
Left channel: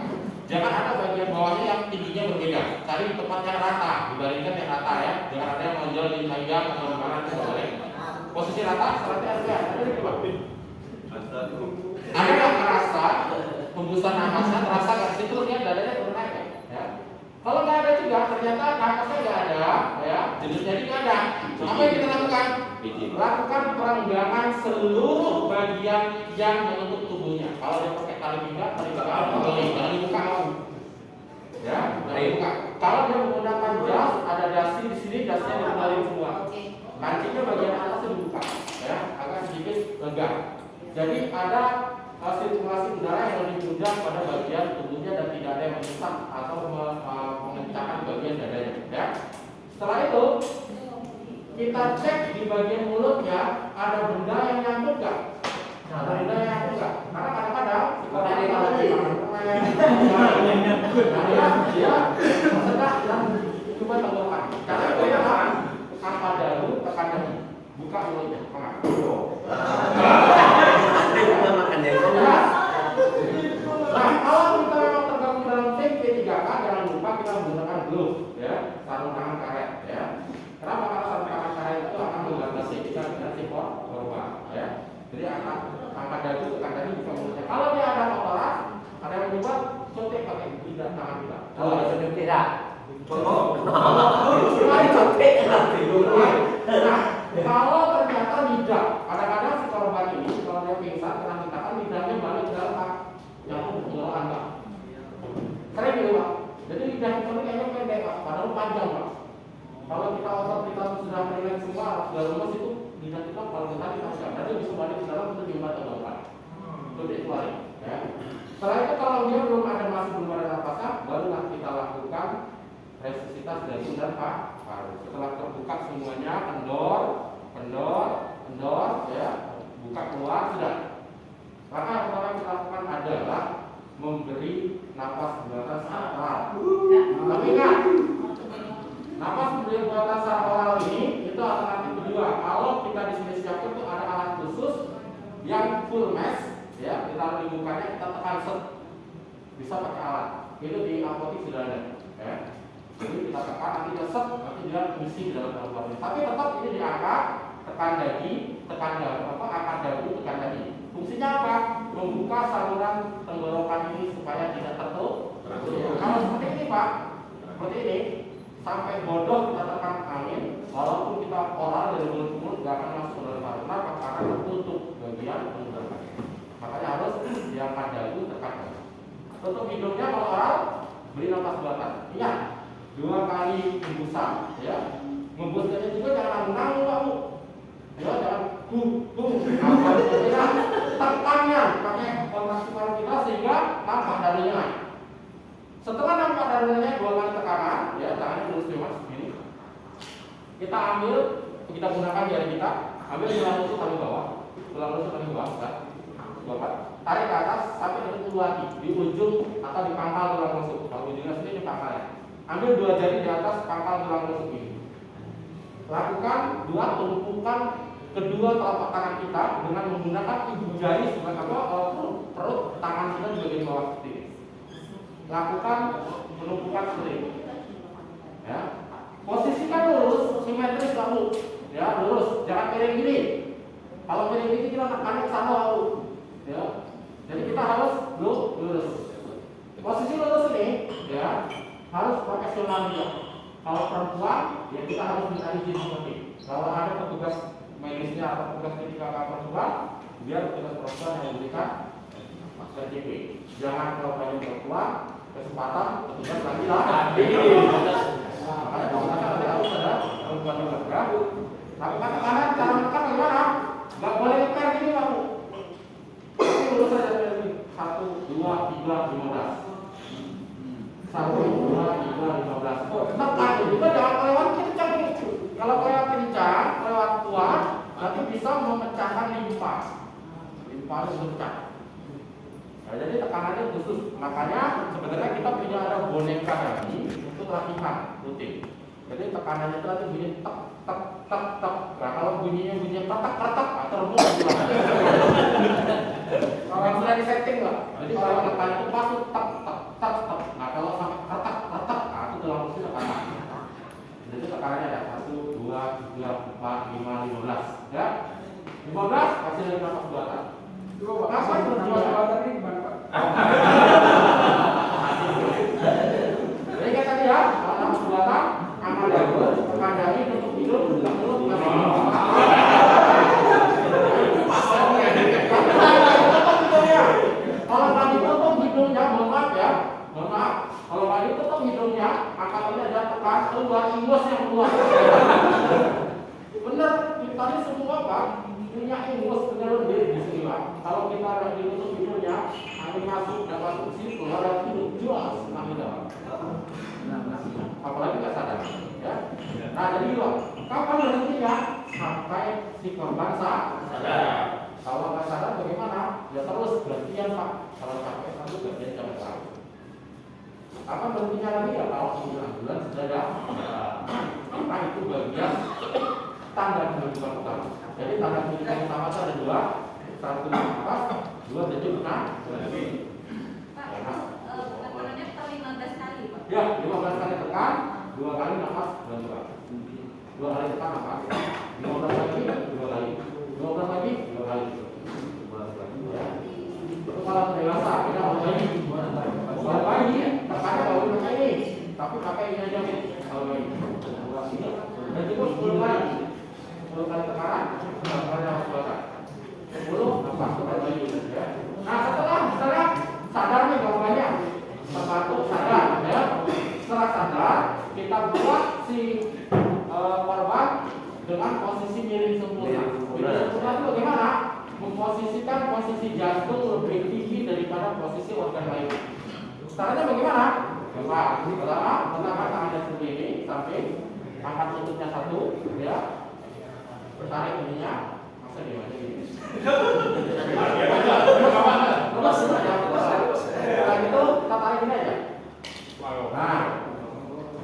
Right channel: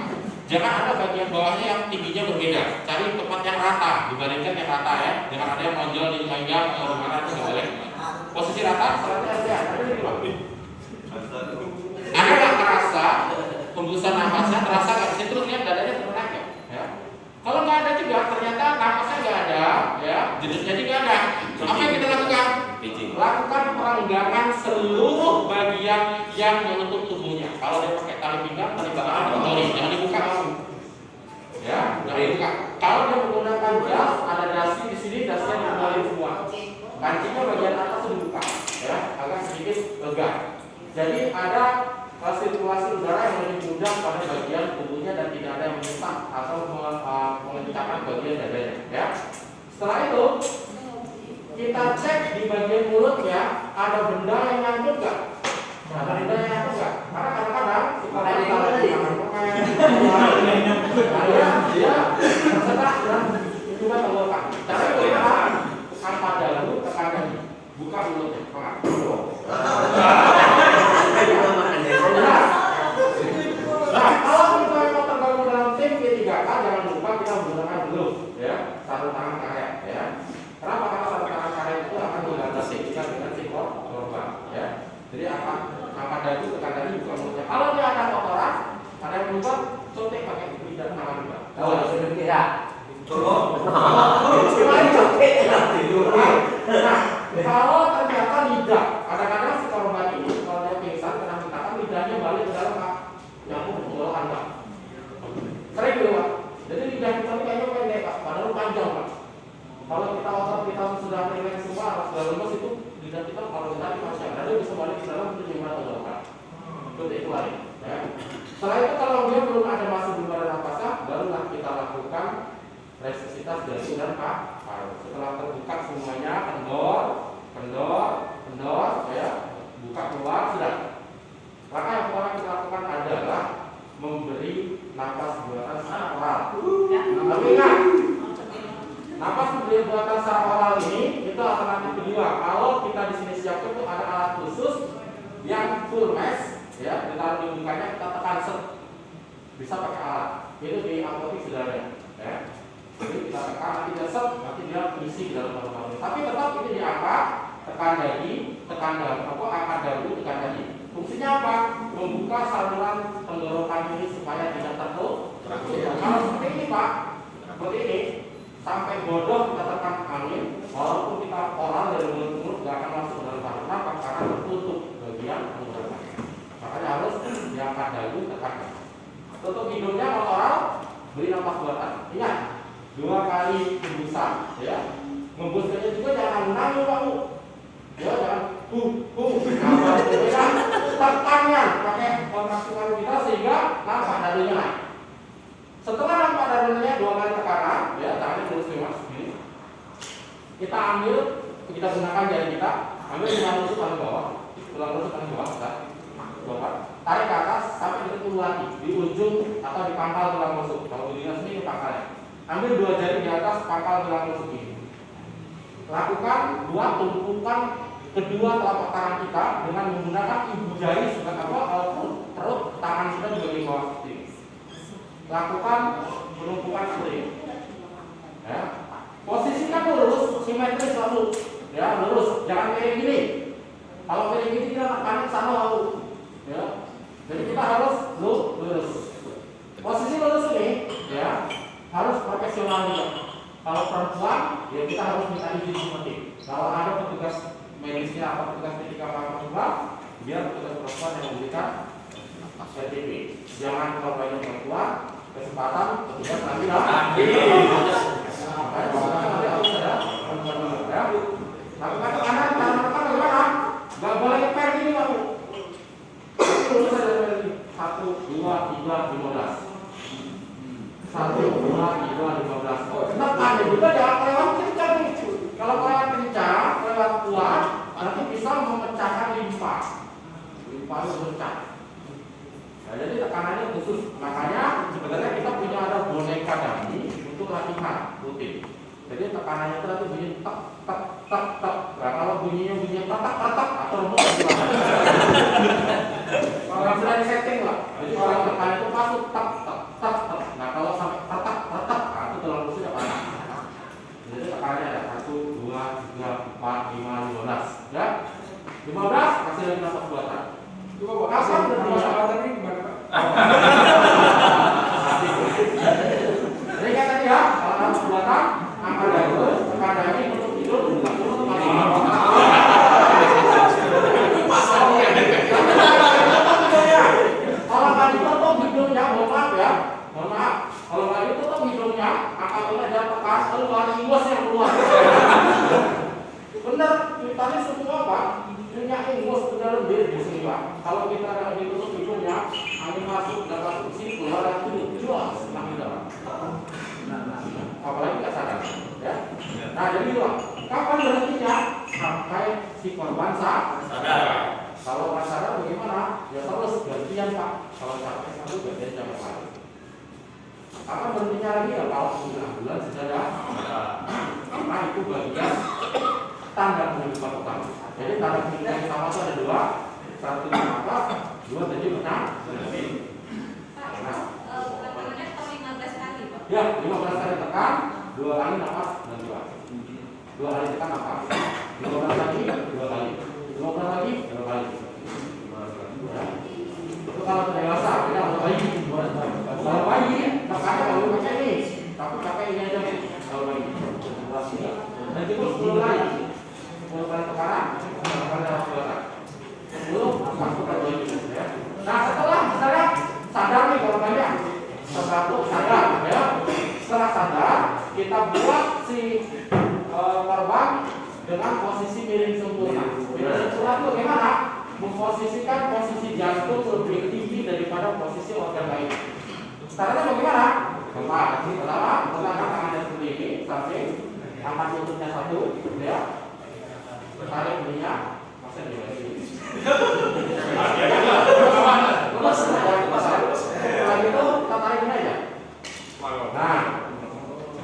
Jangan ada bagian bawahnya yang tingginya berbeda. Cari tempat yang rata dibandingkan yang rata ya. Jangan ada yang menonjol di panjang atau di mana itu nggak boleh. Posisi rata, selanjutnya LDR. Ada di Pak. Ada nggak terasa hembusan nafasnya terasa nggak sih? Terus lihat dadanya turun aja. Ya. Kalau nggak ada juga, ternyata nafasnya nggak ada, ya, jenisnya juga ada. Apa yang kita lakukan? Lakukan perenggangan seluruh bagian yang menutup tubuhnya. Kalau dia pakai tali pinggang, tali belakang, jangan dibuka langsung. Ya, jangan dibuka. Kalau dia menggunakan jas, ada dasi di sini, dasnya dikembali semua. Kancingnya bagian atas dibuka, ya, agak sedikit lega. Jadi ada sirkulasi udara yang lebih mudah pada bagian tubuhnya dan tidak ada yang menyesat atau mengencangkan bagian dadanya. Ya. Setelah itu kita cek di bagian mulutnya ada benda yang nyangkut nggak? Ada benda yang nyangkut nggak? Karena kadang-kadang si korban kalau pemain dia tersedak dan cuma terluka. Cara itu apa? Sampai dahulu tekan kaki, buka mulutnya, Nah, kalau kita mau tergabung dalam tim P3K, jangan lupa kita menggunakan glove, ya, sarung tangan karet, ya. Kenapa? Karena sarung tangan karet itu akan membatasi kita dengan si korban, ya. Jadi angkat dagu tekan tadi buka mulutnya. Kalau dia ada kotoran, ada yang berubah, suntik pakai lidah tangan juga. Oh, sudah tidak. Nah, kalau ternyata lidah, kadang-kadang si korban ini kalau dia pingsan kena hentakan lidahnya balik ke dalam nyambung ke dalam kantong. Sering gitu Pak. Jadi lidah kita ini kayaknya pendek Pak, padahal panjang Pak. Kalau kita otot kita sudah rileks semua, sudah lemes itu lidah kita kalau kita panjang, lalu bisa balik ke dalam untuk gimana tenggorokan. Seperti itu balik. Ya. Setelah itu kalau dia masih belum ada napasnya, barulah kita lakukan resusitasi dari dan paru. Setelah terbuka semuanya, kendor, ya, buka keluar sudah. Maka yang pertama kita lakukan adalah memberi napas buatan secara oral. Tapi ingat, napas memberi buatan secara oral ini itu alternatif kedua. Kalau kita di sini siapkan itu ada alat khusus yang full mesh, ya, ditaruh di mukanya kita tekan set, bisa pakai alat. Itu di apotek sudah ada, ya. Jadi kita tekan nanti dia set, nanti dia mengisi di dalam paru-paru. Tapi tetap ini diangkat, tekan dagi, tekan dagu, angkat dagu, tekan dagi. Fungsinya apa? Membuka saluran tenggorokan ini supaya tidak tertutup. Kalau seperti ini Pak, seperti ini, sampai bodoh kita tekan angin, walaupun kita oral dari mulut nggak akan masuk dalam paru. Kenapa? Karena tertutup bagian tenggorokan. Makanya harus diangkat dagu, tekan dagi. Tutup hidungnya kalau oral, beri napas buatan. Ingat, 2 kali hembusan, ya. Ngembusnya juga jangan nanggung Pak Bu. Ya jangan tekannya pakai maksimal kita sehingga nampak darunya naik. Setelah nampak darunya 2 kali tekanan, ya tangannya terus bebas begini. Kita ambil, kita gunakan jari kita, ambil tulang rusuk paling bawah, ya. Tarik ke atas sampai ketemu lagi di ujung atau di pangkal tulang rusuk. Kalau ujungnya sini ini pangkalnya. Ambil 2 jari di atas pangkal tulang rusuk ini. Lakukan 2 tumpukan kedua telapak tangan kita dengan menggunakan ibu jari sebagai perut tangan kita juga di bawah seperti ini. Lakukan penumpukan seperti ini. Ya. Posisikan lurus, simetris selalu. Ya, lurus, jangan kayak gini. Kalau kayak gini kita tekan sama lalu. Ya. Jadi kita harus lurus. Posisi lurus ini, ya, harus profesional juga. Kalau perempuan, ya kita harus minta izin seperti. Kalau ada petugas medisnya atau petugas medika perempuan, biar petugas perempuan yang memberikan STP. Jangan kalau pengen perempuan, kesempatan petugas lagi lah. Nanti harus ada perempuan ya. Lakukan tekanan, cara menekan bagaimana? Gak boleh ngeper gini kamu. Lurus saja dari 1, 2, 3, 15. 1, 2, 3, 15. Oh, kenapa ada juga ya kelewat kencang itu. Kalau kelewat kencang, kelewat kuat, nanti bisa memecahkan limpa. Limpa itu pecah. Nah, jadi tekanannya khusus. Makanya sebenarnya kita punya ada boneka tadi untuk latihan rutin. Jadi tekanannya itu nanti bunyi tek tek tek tek. Nah, kalau bunyinya petak petak atau rumah kalau sudah setting lah. Jadi kalau tekanan itu masuk tek tek tek tek. Nah, kalau sampai petak petak, nah itu terlalu sudah patah. Jadi tekanannya ada 1, 2, 3, 4, 5, 15. Ya, 15 kasih lagi nafas buatan. Kapan berapa tadi gimana Pak? Jadi kayak tadi ya, kalau nafas buatan, angka daun, tekan dahi untuk tidur, kalau tadi tutup hidungnya, mohon maaf ya, mohon maaf. Kalau tadi tutup hidungnya, apabila ada tekan, lalu lari ingus yang keluar. Bener, tadi semua Pak, punya ingus punya lebih di sini Pak. Kalau kita ditutup hidungnya, angin masuk dapat kursi keluar itu jual senang kita. Apalagi nggak sadar, ya. Nah jadi Pak, kapan berhentinya? Sampai si korban sadar. Kalau nggak sadar bagaimana? Ya terus gantian Pak. Kalau sampai satu gantian jangan lagi. Apa berhentinya lagi ya? Kalau sudah bulan sudah ada. Karena itu bagian tanda kehidupan utama. Jadi tanda kehidupan utama itu ada dua. Satu di mata, dua tadi benar. Pak, tekanannya per 15 kali Pak. Ya, 15 kali tekan, 2 kali nafas dan 2 kali tekan nafas. 15 lagi, 2 kali. 15 lagi, 2 kali. Ya. Itu kalau dewasa, beda kalau bayi. Kalau bayi, tekannya kalau pakai ini, tapi pakai ini aja kalau bayi. Dan cukup 10 kali. 10 kali tekanan, 10 kali nafas buatan. 10 masuk ke bayi. Ya. Nah setelah misalnya sadar nih kalau banyak. Satu sadar, ya. Setelah sadar, kita buat si korban dengan posisi miring sempurna. Miring sempurna itu bagaimana? Memposisikan posisi jantung lebih tinggi daripada posisi organ lain. Caranya bagaimana? Pertama, letakkan tangannya seperti ini, sampai angkat lututnya 1, ya. Tarik bunyinya, masa gimana gini? Setelah itu kita tarik ini aja. Nah,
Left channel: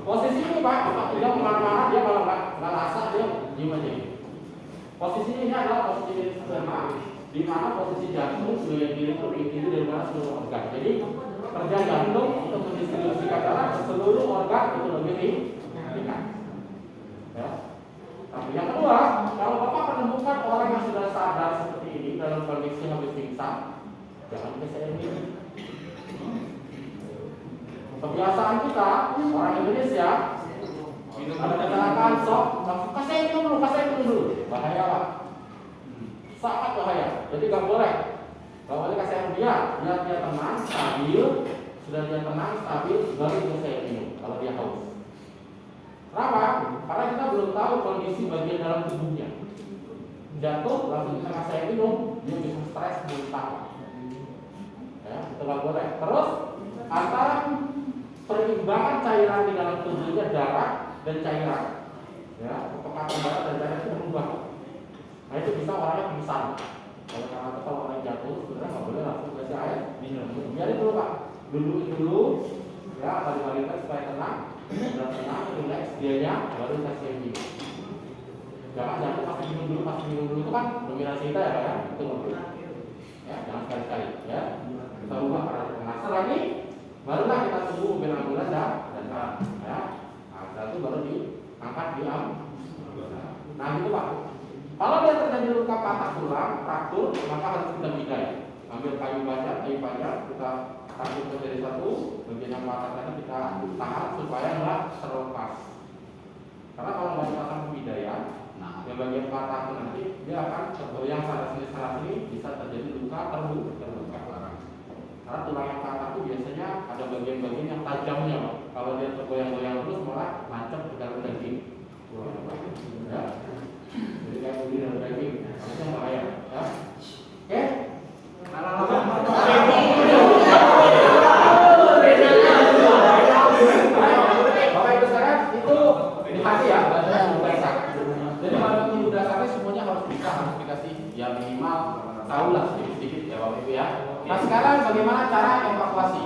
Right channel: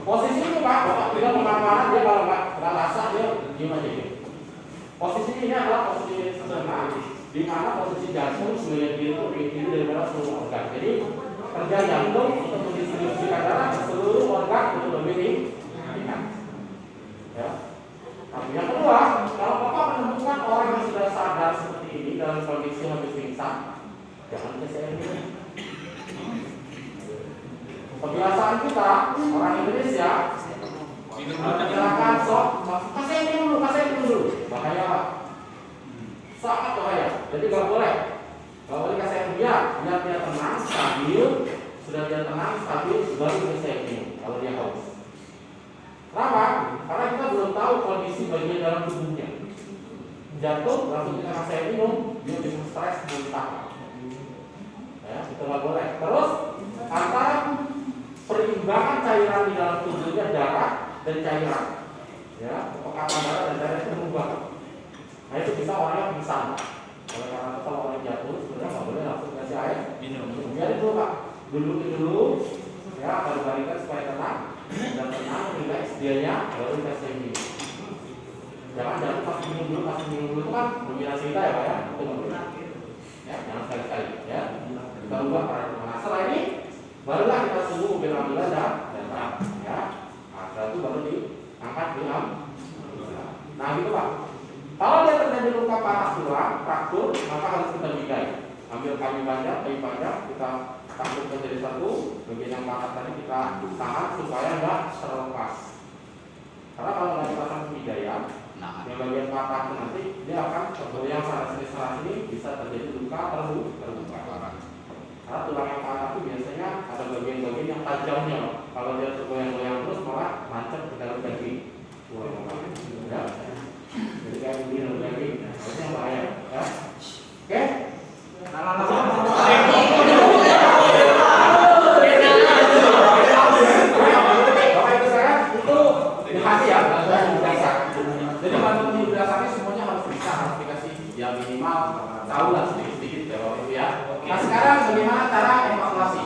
posisi ini Pak, Bapak bilang kemana-mana dia kalau nggak rasa dia diem aja. Posisi ini adalah posisi sederhana, di mana posisi jantung sebagai diri itu lebih tinggi daripada seluruh organ. Jadi kerja jantung untuk mendistribusikan darah ke seluruh organ itu lebih tinggi. Ya. Tapi yang kedua, kalau Bapak menemukan orang yang sudah sadar seperti ini dalam kondisi habis pingsan, jangan kesini. Kebiasaan kita orang Indonesia mengerjakan sok, kasih minum dulu, bahaya Pak, sangat bahaya. Jadi nggak boleh kasih dia tenang, stabil, sudah dia tenang, stabil, baru selesai minum kalau dia haus. Kenapa? Karena kita belum tahu kondisi bagian dalam tubuhnya. Jantung langsung kita kasih minum, dia bisa stres muntah. Ya, itu nggak boleh. Terus antara perimbangan cairan di dalam tubuhnya darah dan cairan, ya, kepekatan darah dan cairan itu berubah. Nah itu bisa orangnya pingsan. Oleh karena itu kalau orang jatuh sebenarnya nggak boleh langsung kasih air minum. Biarin dulu Pak, duduk dulu, ya, balik-balikan supaya tenang dan tenang, relax dianya, baru kasih minum. Jangan pas minum dulu itu kan dominasi kita ya Pak ya, itu nggak boleh. Ya, jangan sekali-sekali, ya. Kita ubah para kemana. Setelah ini barulah kita tunggu mobil ambulans dan datang, ya. Nah, setelah itu baru diangkat di ambulans. Nah gitu Pak. Kalau dia terjadi luka patah tulang, fraktur, maka harus kita bigai. Ambil kayu panjang, kita tarik ke dari satu, bagian yang patah tadi kita tahan supaya nggak terlepas. Karena kalau nggak kita kasih hidayah, yang bagian patah itu nanti dia akan tergoyang sana sini bisa terjadi luka terbuka. Karena tulang yang patah itu biasanya ada bagian-bagian yang tajamnya. Kalau dia tergoyang-goyang terus malah nancap ke dalam daging. Ya. Jadi kayak begini daging, itu yang bahaya. Ya. Oke? Bapak Ibu sekalian, itu dikasih ya dasar. Jadi kalau dasarnya semuanya harus bisa, harus dikasih ya minimal tahu lah sedikit-sedikit ya Bapak Ibu ya. Nah sekarang bagaimana cara evakuasi?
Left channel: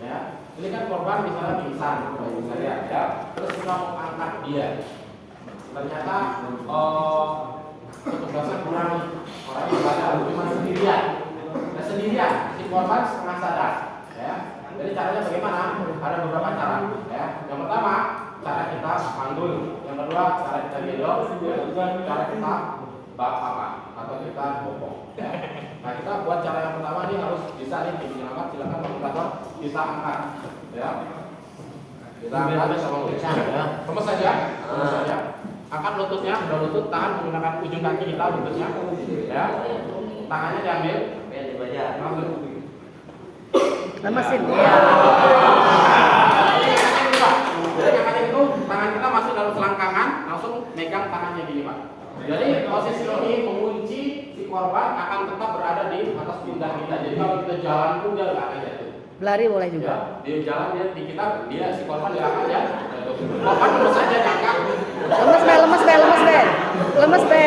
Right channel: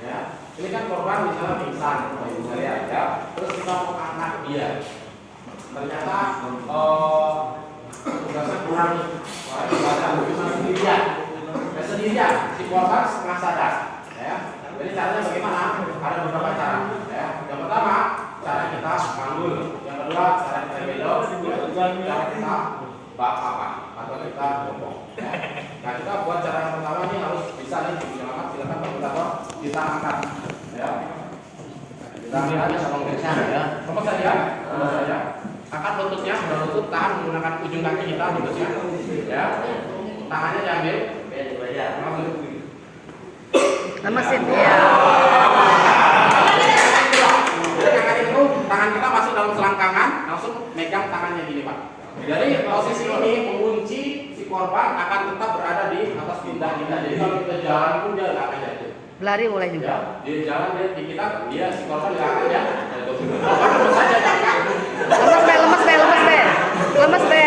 Ya, ini kan korban misalnya pingsan, Bapak Ibu sekalian ya. Terus kita mau angkat dia. Ternyata tugasnya kurang nih. Orang ibadah cuma sendirian. Ya sendirian, si korban setengah sadar. Ya. Jadi caranya bagaimana? Ada beberapa cara. Ya. Yang pertama, cara kita manggul. Yang kedua, cara kita gendong. Yang ketiga, cara kita bapak atau kita bopong. Ya. Nah kita buat cara yang pertama ini harus bisa nih diangkat. Silakan komentator kita angkat. Ya. Kita ambil aja sama ya. Lepas saja. Angkat lututnya, udah lutut, tahan menggunakan ujung kaki kita lututnya. Ya. Tangannya diambil. Lemesin ya. Jadi angkat itu tangan kita masuk dalam selangkangan, langsung megang tangannya gini Pak. Jadi posisi ini mengunci si korban akan tetap berada di atas pundak kita. Jadi kalau kita jalan pun dia nggak akan jatuh. Lari boleh juga. Ya, dia jalan dia si korban nggak akan jatuh. Korban terus saja jangan. Lemes be.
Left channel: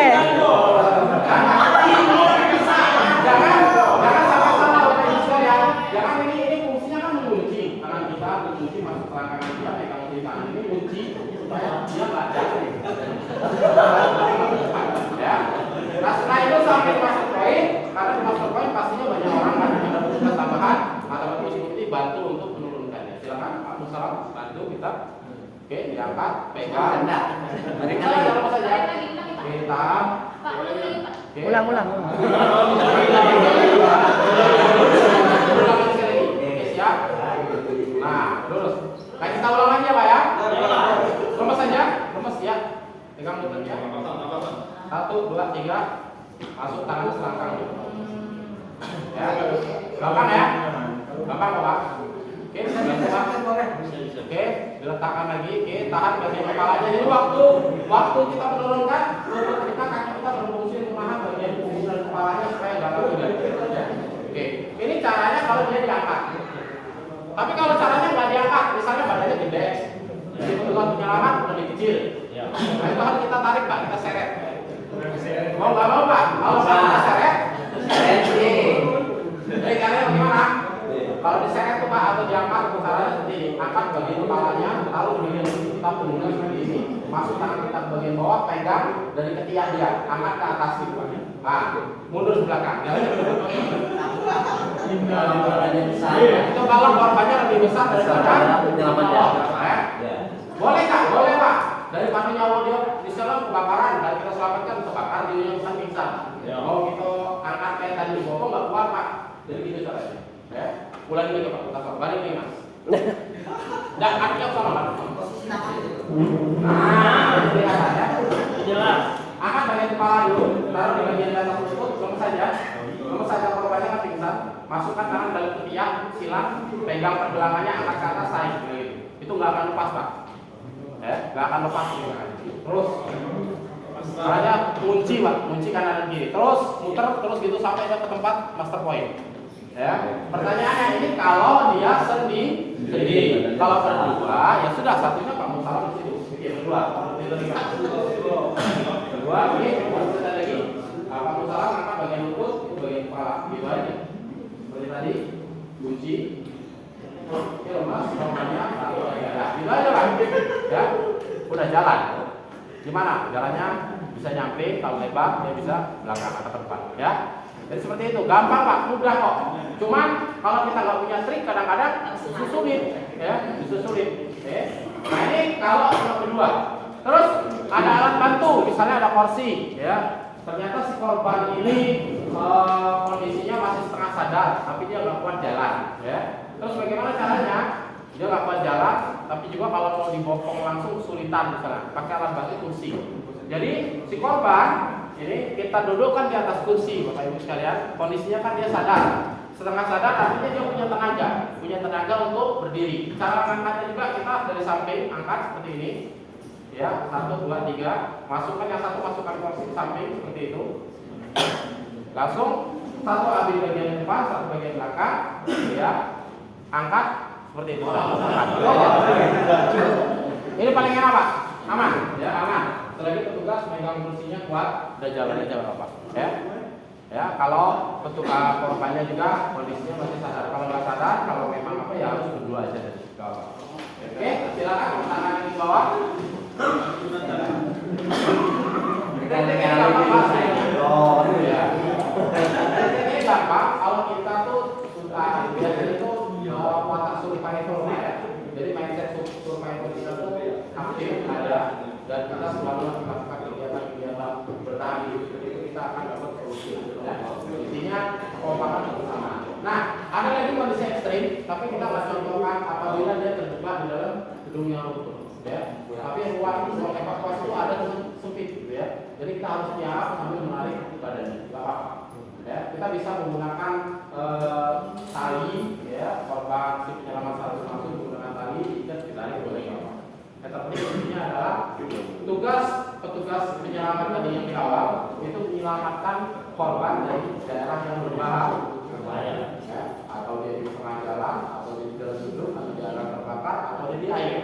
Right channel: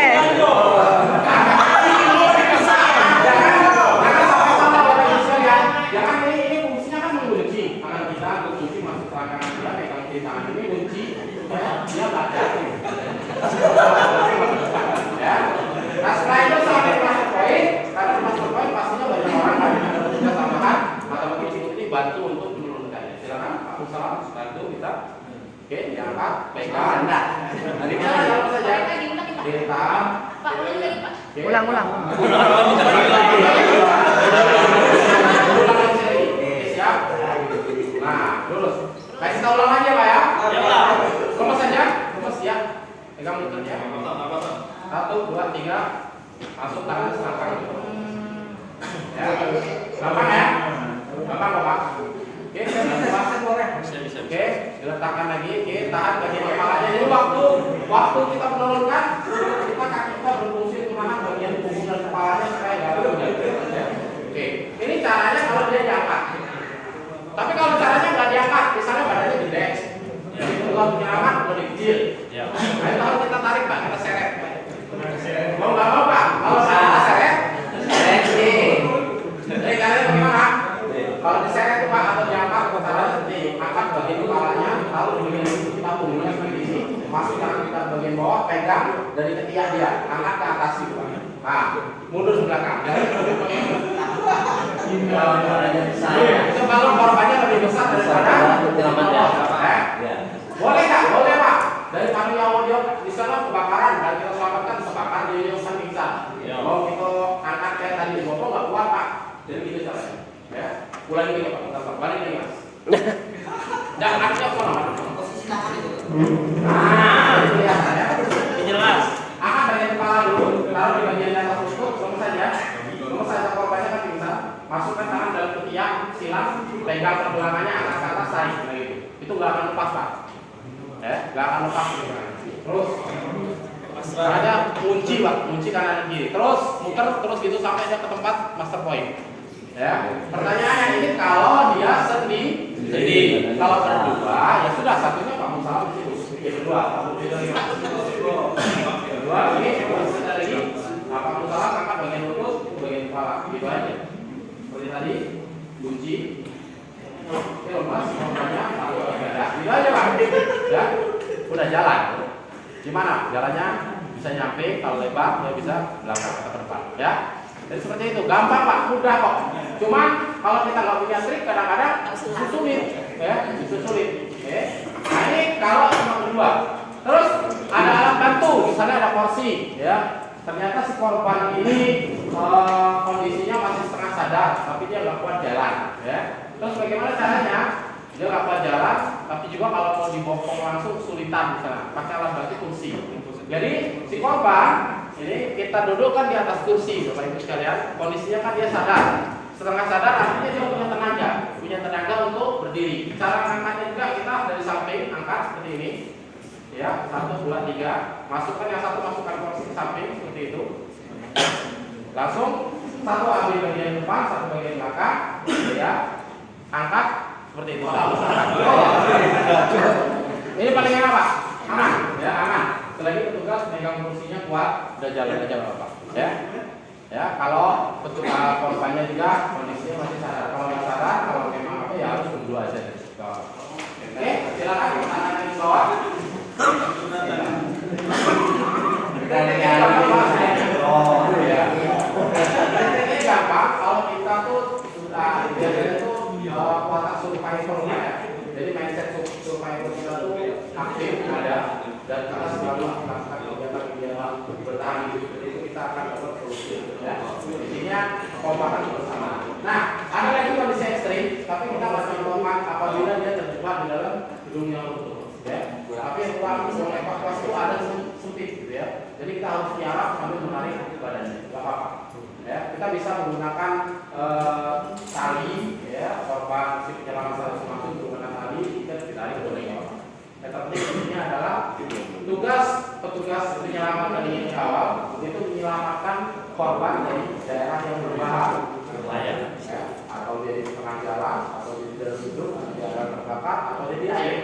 Jangan sama-sama Bapak Ibu sekalian. Jangan ini fungsinya kan mengunci tangan kita, mengunci masuk selangkangan kita, megang kiri tangan ini kunci supaya dia nggak jatuh. Ya. Nah setelah itu sampai masuk poin, karena masuk poin pastinya banyak orang lagi ada tugas tambahan atau terus ikuti bantu untuk menurunkannya. Silakan Pak Musalam bantu kita. Oke, diangkat, pegang. Dari mana apa saja? Ditahan. Pak, ulang lagi Pak. Ulang. Siap. Nah, lurus. Kasih tahu ulang aja Pak ya. Lepas saja, lepas ya. Pegang lututnya. 1, 2, 3. Masuk tangan selangkang. Ya. Gampang ya? Gampang Pak. Oke, Oke, diletakkan lagi. Oke, tahan bagian kepalanya. Jadi waktu kita menurunkan, kita kaki kita berfungsi untuk mana bagian punggung dan kepalanya supaya nggak terjatuh. Ya. Oke, ini caranya kalau dia diangkat. Tapi kalau caranya nggak diangkat, misalnya badannya gede, jadi kebutuhan penyelamat lebih kecil. Nah itu harus kita tarik Pak, kita seret. Mau nggak mau Pak? Kalau kita seret. Jadi caranya bagaimana? Kalau diseret tuh Pak atau diangkat, caranya seperti angkat bagian kepalanya, lalu di bagian kita punggungnya seperti ini, masuk tangan kita bagian bawah, pegang dari ketiak dia, angkat ke atas gitu Pak. Nah, mundur ke belakang. Jadi itu kalau korbannya lebih besar daripada penyelamatnya. Boleh nggak? Boleh Pak. Daripada nyawa dia di sana kebakaran, kalau kita selamatkan terbakar di yang pingsan. Kalau kita angkat kayak tadi di bawah nggak kuat Pak. Jadi gitu caranya. Ya, ulangi lagi Pak, kita balik lagi Mas. Jangan angkat sama posisi tangan itu. Nah, itu ya, jelas. Angkat bagian kepala dulu, taruh di bagian atas lutut, lemes saja korbannya kan pingsan. Masukkan tangan dalam ketiak, silang, pegang pergelangannya, angkat ke atas, tarik gitu. Itu nggak akan lepas Pak. Ya, nggak akan lepas gitu. Terus, caranya kunci Pak, kunci kanan dan kiri. Terus muter terus gitu sampai dia ke tempat master point. Ya, pertanyaannya ini kalau dia sendiri, kalau berdua ya sudah satunya Pak Musalam di situ. Berdua ini kita lagi. Nah, Pak Musalam angkat bagian lutut, bagian kepala, gitu aja. Seperti tadi, kunci. Oke, lepas, korbannya taruh di dada. Gitu aja Pak. Ya, udah jalan. Gimana? Jalannya bisa nyampe, kalau lebar dia bisa langkah ke depan. Ya. Jadi seperti itu, gampang Pak, mudah kok. Cuman kalau kita nggak punya trik, kadang-kadang sulit, ya, sulit. Oke. Nah ini kalau cuma berdua. Terus ada alat bantu, misalnya ada kursi, ya. Ternyata si korban ini kondisinya masih setengah sadar, tapi dia nggak kuat jalan, ya. Terus bagaimana caranya? Dia nggak kuat jalan, tapi juga kalau mau dibopong langsung kesulitan misalnya. Pakai alat bantu Jadi si korban ini kita dudukkan di atas kursi, Bapak Ibu sekalian. Kondisinya kan dia sadar. Setengah sadar artinya dia punya tenaga untuk berdiri. Cara angkatnya juga kita dari samping angkat seperti ini. Ya, 1, 2, 3. Masukkan yang satu, masukkan kursi ke samping seperti itu. Langsung satu ambil bagian depan, satu bagian belakang. Ya, angkat seperti itu. Ini paling enak Pak, aman, ya aman. Selagi petugas megang kursinya kuat, udah jalan aja Bapak. Ya, kalau petugas korbannya juga kondisinya masih sadar. Kalau nggak sadar, kalau memang apa ya harus tunggu aja dari bawah. Oke, silakan tangan di bawah. Oh iya. Ini gampang. Kalau kita tuh sudah biasanya tuh watak survival ya. Jadi mindset survival kita tuh aktif ada dan kita selalu melakukan kegiatan bertahan hidup itu kita akan dapat solusi. Intinya kekompakan bersama. Nah, ada lagi kondisi ekstrim, tapi kita masih contohkan apabila dia terjebak di dalam gedung yang runtuh. Ya. Tapi ruang evakuasi itu ada sempit gitu ya. Jadi kita harus tiarap sambil menarik badannya. Gak apa-apa. Ya, kita bisa menggunakan tali ya, korban si penyelamat harus langsung menggunakan tali dan ditarik boleh ya. Yang terpenting intinya adalah petugas penyelamat tadi di awal itu menyelamatkan korban dari daerah yang berbahaya, ya, atau dia di tengah jalan, atau dia di dalam gedung, atau di daerah terbakar, atau dia di air.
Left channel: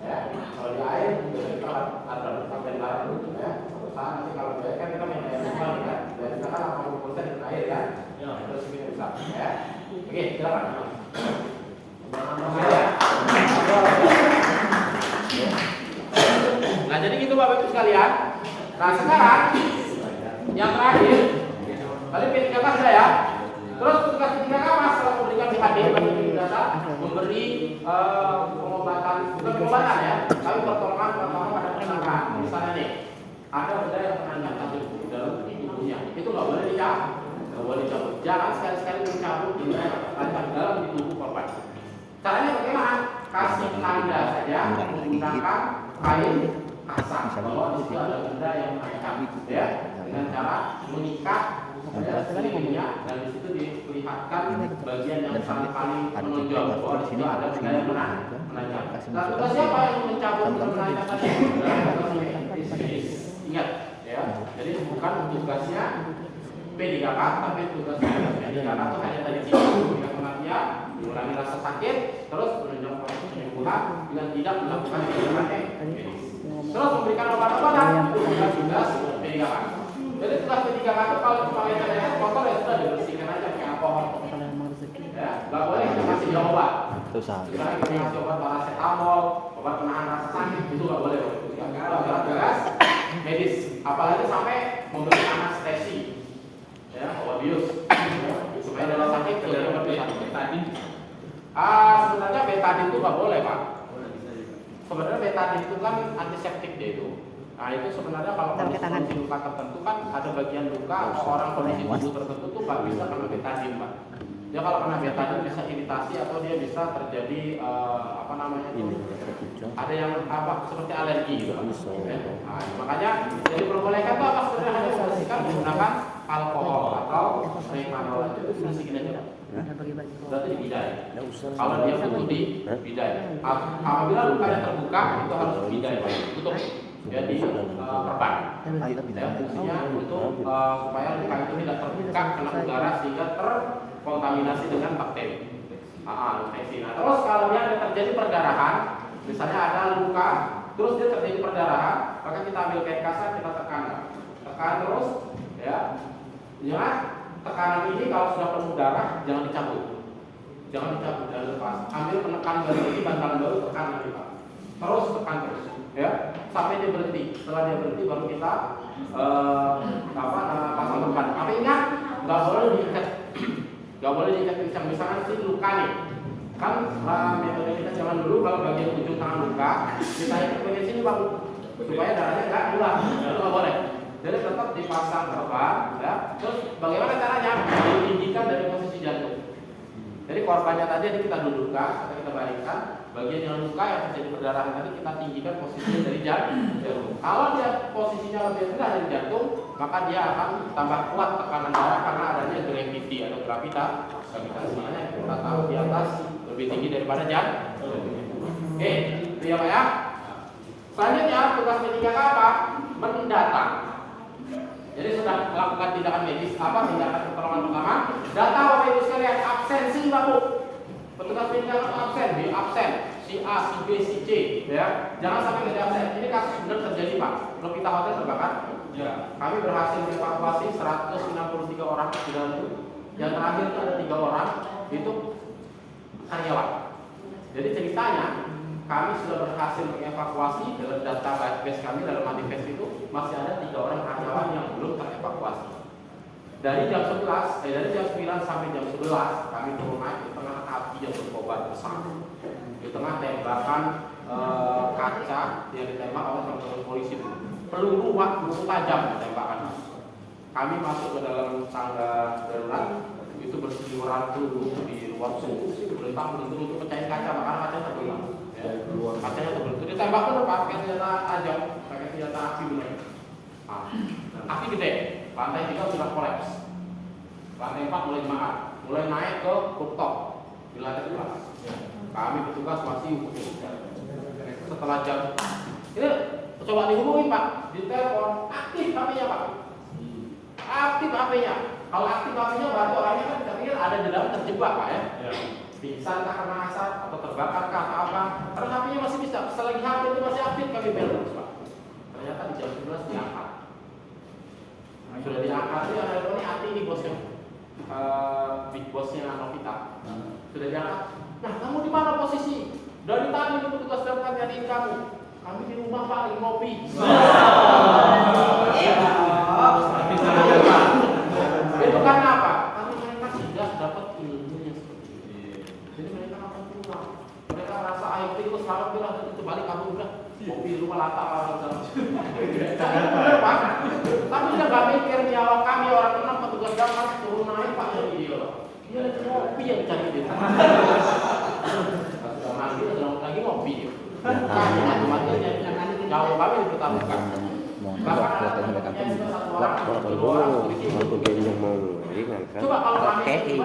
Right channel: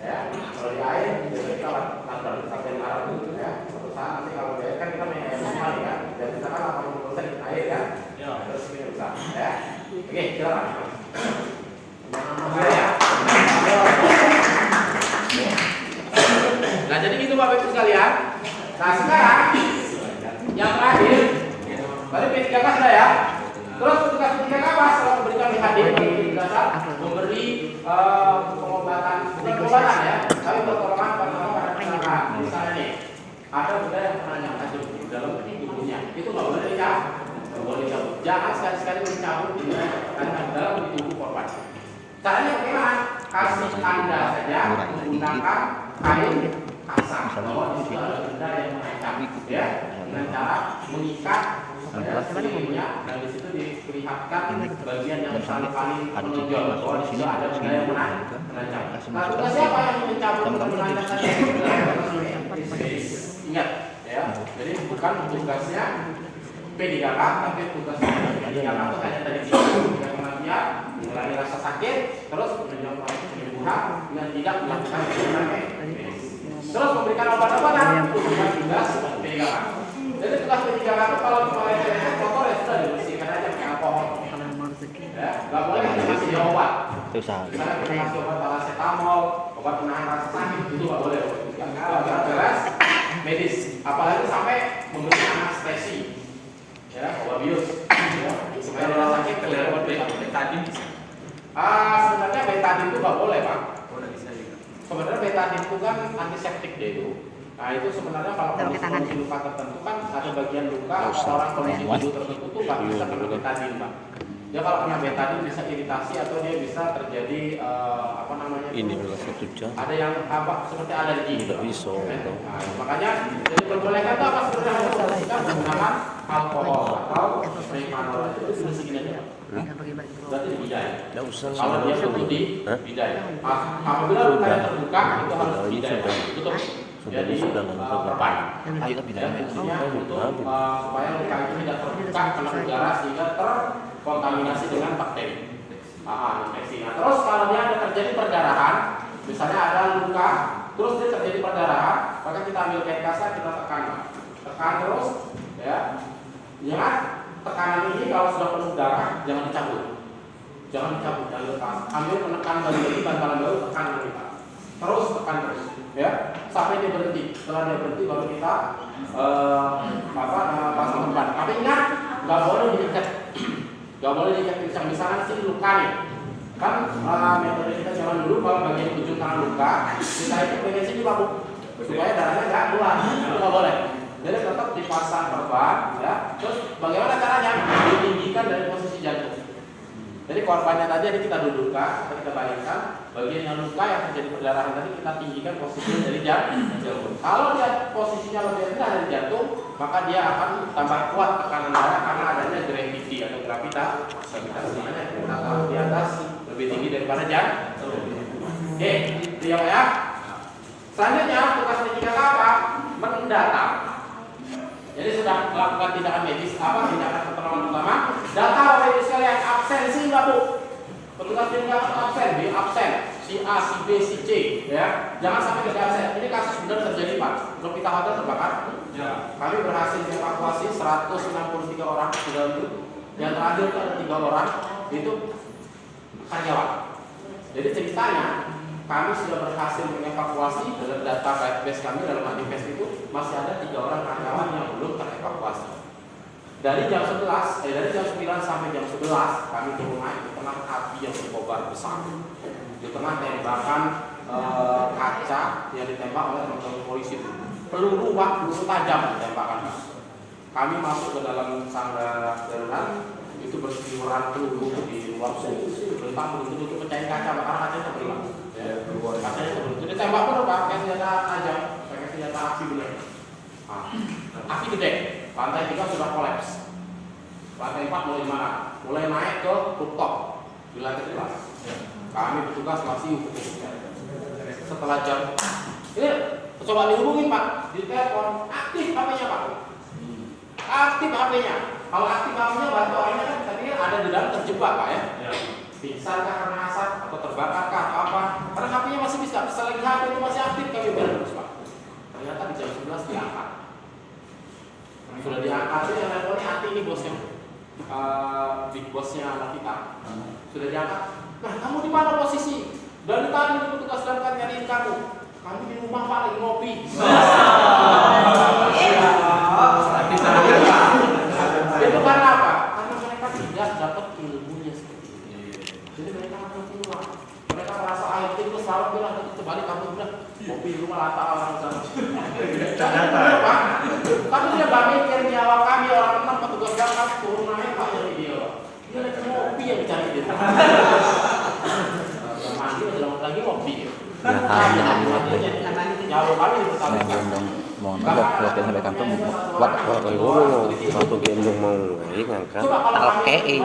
Ya, kalau di air biasanya kita latar sampai larang dulu ya. Suatu saat nanti kalau di air kan kita main air normal ya. Dan kita kan 80% di air ya. Terus ini bisa ya. Oke, silakan. Nah, jadi gitu Bapak Ibu sekalian. Nah, sekarang yang terakhir tadi P3K sudah ya. Terus petugas P3K setelah memberikan BHD bagi dasar memberi pengobatan, bukan pengobatan ya, tapi pertolongan pertama pada tersangka. Misalnya nih, ada benda yang menanjak tajam di dalam tubuhnya, itu nggak boleh dicabut, nggak boleh dicabut. Jangan sekali-sekali mencabut di dalam tubuh korban. Caranya bagaimana? Kasih tanda saja menggunakan kain kasar bahwa di situ ada benda yang mengancam, ya, dengan cara mengikat sekelilingnya dan di situ diperlihatkan bagian yang paling menonjol bahwa di sini ada benda yang mengancam. Nah, tugas siapa yang mencabut dan mengancam tadi? Ingat, ya. Jadi bukan tugasnya P3K, tapi tugasnya P3K itu hanya tadi kita kematian, mengurangi rasa sakit, terus menunjukkan proses penyembuhan dengan tidak melakukan tindakan medis. Terus memberikan obat-obatan untuk tugas P3K. Jadi tugas P3K itu kalau cuma lecet-lecet motor ya sudah dibersihkan aja pakai alkohol. Ya, nggak boleh kita kasih dia obat. Misalnya kita kasih obat paracetamol, obat penahan rasa sakit itu nggak boleh. Nggak jelas medis, apalagi sampai memberikan anestesi. Ya, obat bius. Ya, supaya rasa sakit kelihatan betadin. Sebenarnya betadin itu nggak boleh Pak. Sebenarnya betadin itu kan antiseptik deh itu. Nah itu sebenarnya kalau kondisi luka tertentu kan ada bagian luka atau orang kondisi tubuh tertentu tuh nggak bisa kena betadin Pak. Ya kalau kena betadin bisa iritasi atau dia bisa terjadi apa namanya? Ini ada yang apa seperti alergi gitu Pak. Nah, makanya jadi perbolehkan tuh apa sebenarnya hanya membersihkan menggunakan alkohol atau methanol itu bersihkan aja Pak. Berarti dibidai. Kalau dia butuh dibidai. Apabila lukanya terbuka itu harus dibidai. Tutup. Ya di perban. Intinya untuk supaya luka itu tidak terbuka kena udara sehingga terkontaminasi dengan bakteri. Infeksi. Nah, terus kalau dia ada terjadi perdarahan, misalnya ada luka, terus dia terjadi perdarahan, maka kita ambil kain kasar kita tekan, tekan terus, ya. Ingat, tekanan ini kalau sudah penuh darah jangan dicabut, jangan lepas. Ambil menekan lagi bantalan baru tekan lagi Pak. Terus tekan terus, ya, sampai dia berhenti. Setelah dia berhenti baru kita pasang beban. Tapi ingat, nggak boleh diikat, nggak boleh diikat kencang. Misalnya sih luka nih, kan metode kita zaman dulu kalau bagian ujung tangan luka kita ikat bagian sini Pak, supaya darahnya nggak keluar. Itu nggak boleh. Jadi tetap dipasang perban, ya. Terus bagaimana caranya? Ditinggikan dari posisi jantung. Jadi korbannya tadi ada kita dudukkan atau kita baringkan, bagian yang luka yang terjadi perdarahan tadi kita tinggikan posisinya dari jantung. Kalau dia posisinya lebih rendah dari jantung, maka dia akan tambah kuat tekanan darah karena adanya gravity atau gravitasinya kita taruh di atas lebih tinggi daripada jantung. Oke, itu ya. Selanjutnya tugas medika apa? Mendata. Jadi sedang melakukan tindakan medis apa? Tindakan pertolongan pertama. Data Bapak Ibu sekalian, absensi Bapak Bu. Petugas medika absen, di absen. Si A, si B, si C, ya. Jangan sampai ada absen. Ini kasus benar terjadi Pak. Untuk kita hotel terbakar. Ya. Kami berhasil evakuasi 163 orang di dalam itu. Yang terakhir itu ada 3 orang itu karyawan. Jadi ceritanya kami sudah berhasil mengevakuasi dengan data base kami dalam manifest itu masih ada 3 orang karyawan yang belum terevakuasi. Dari jam 11, dari jam 9 sampai jam 11 kami turun naik di tengah api yang berkobar besar. Di tengah tembakan kaca yang ditembak oleh teman-teman polisi itu. Peluru tajam ditembakkan. Kami masuk ke dalam tangga darurat itu berseliweran peluru di luar sini. Berentang untuk pecahin kaca, karena kacanya terbelah. Ya, kacanya terbelah. Jadi tembak pun pakai senjata tajam, pakai senjata api benar. Nah, api gede. Lantai 3 sudah kolaps. Lantai 4 mulai mana? Mulai naik ke rooftop di lantai 2. Kami petugas masih hubungi. Setelah jam ini coba dihubungin Pak, di telepon aktif HP-nya Pak. Aktif HP-nya. Kalau aktif HP-nya bantu orangnya kan kita pikir ada di dalam terjebak Pak ya. Pingsan karena asap atau terbakar atau apa? Karena HP-nya masih bisa. Selagi HP itu masih aktif kami bel terus Pak. Ternyata di jam 11 diangkat. Sudah diangkat itu yang teleponnya Ati ini bosnya, big bossnya anak kita. Sudah diangkat. Nah, kamu di mana posisi? Dari tadi petugas damkar nyariin kamu. Kami di rumah Pak lagi ngopi. Itu karena apa? Karena mereka tidak dapat ilmunya seperti itu. Jadi mereka akan keluar. Mereka rasa air itu selalu bilang itu balik kamu bilang ngopi di rumah latak orang sama. Tapi dia gak mikir nyawa kami orang enam petugas damkar turun naik Pak dari dia. Dia lagi ngopi yang dicari dia. Mandi lagi ngopi. Nyawa kami dipertahankan. Latihan sampai kampung waktu Waktu gendong mau ngangkat. Coba kalau ini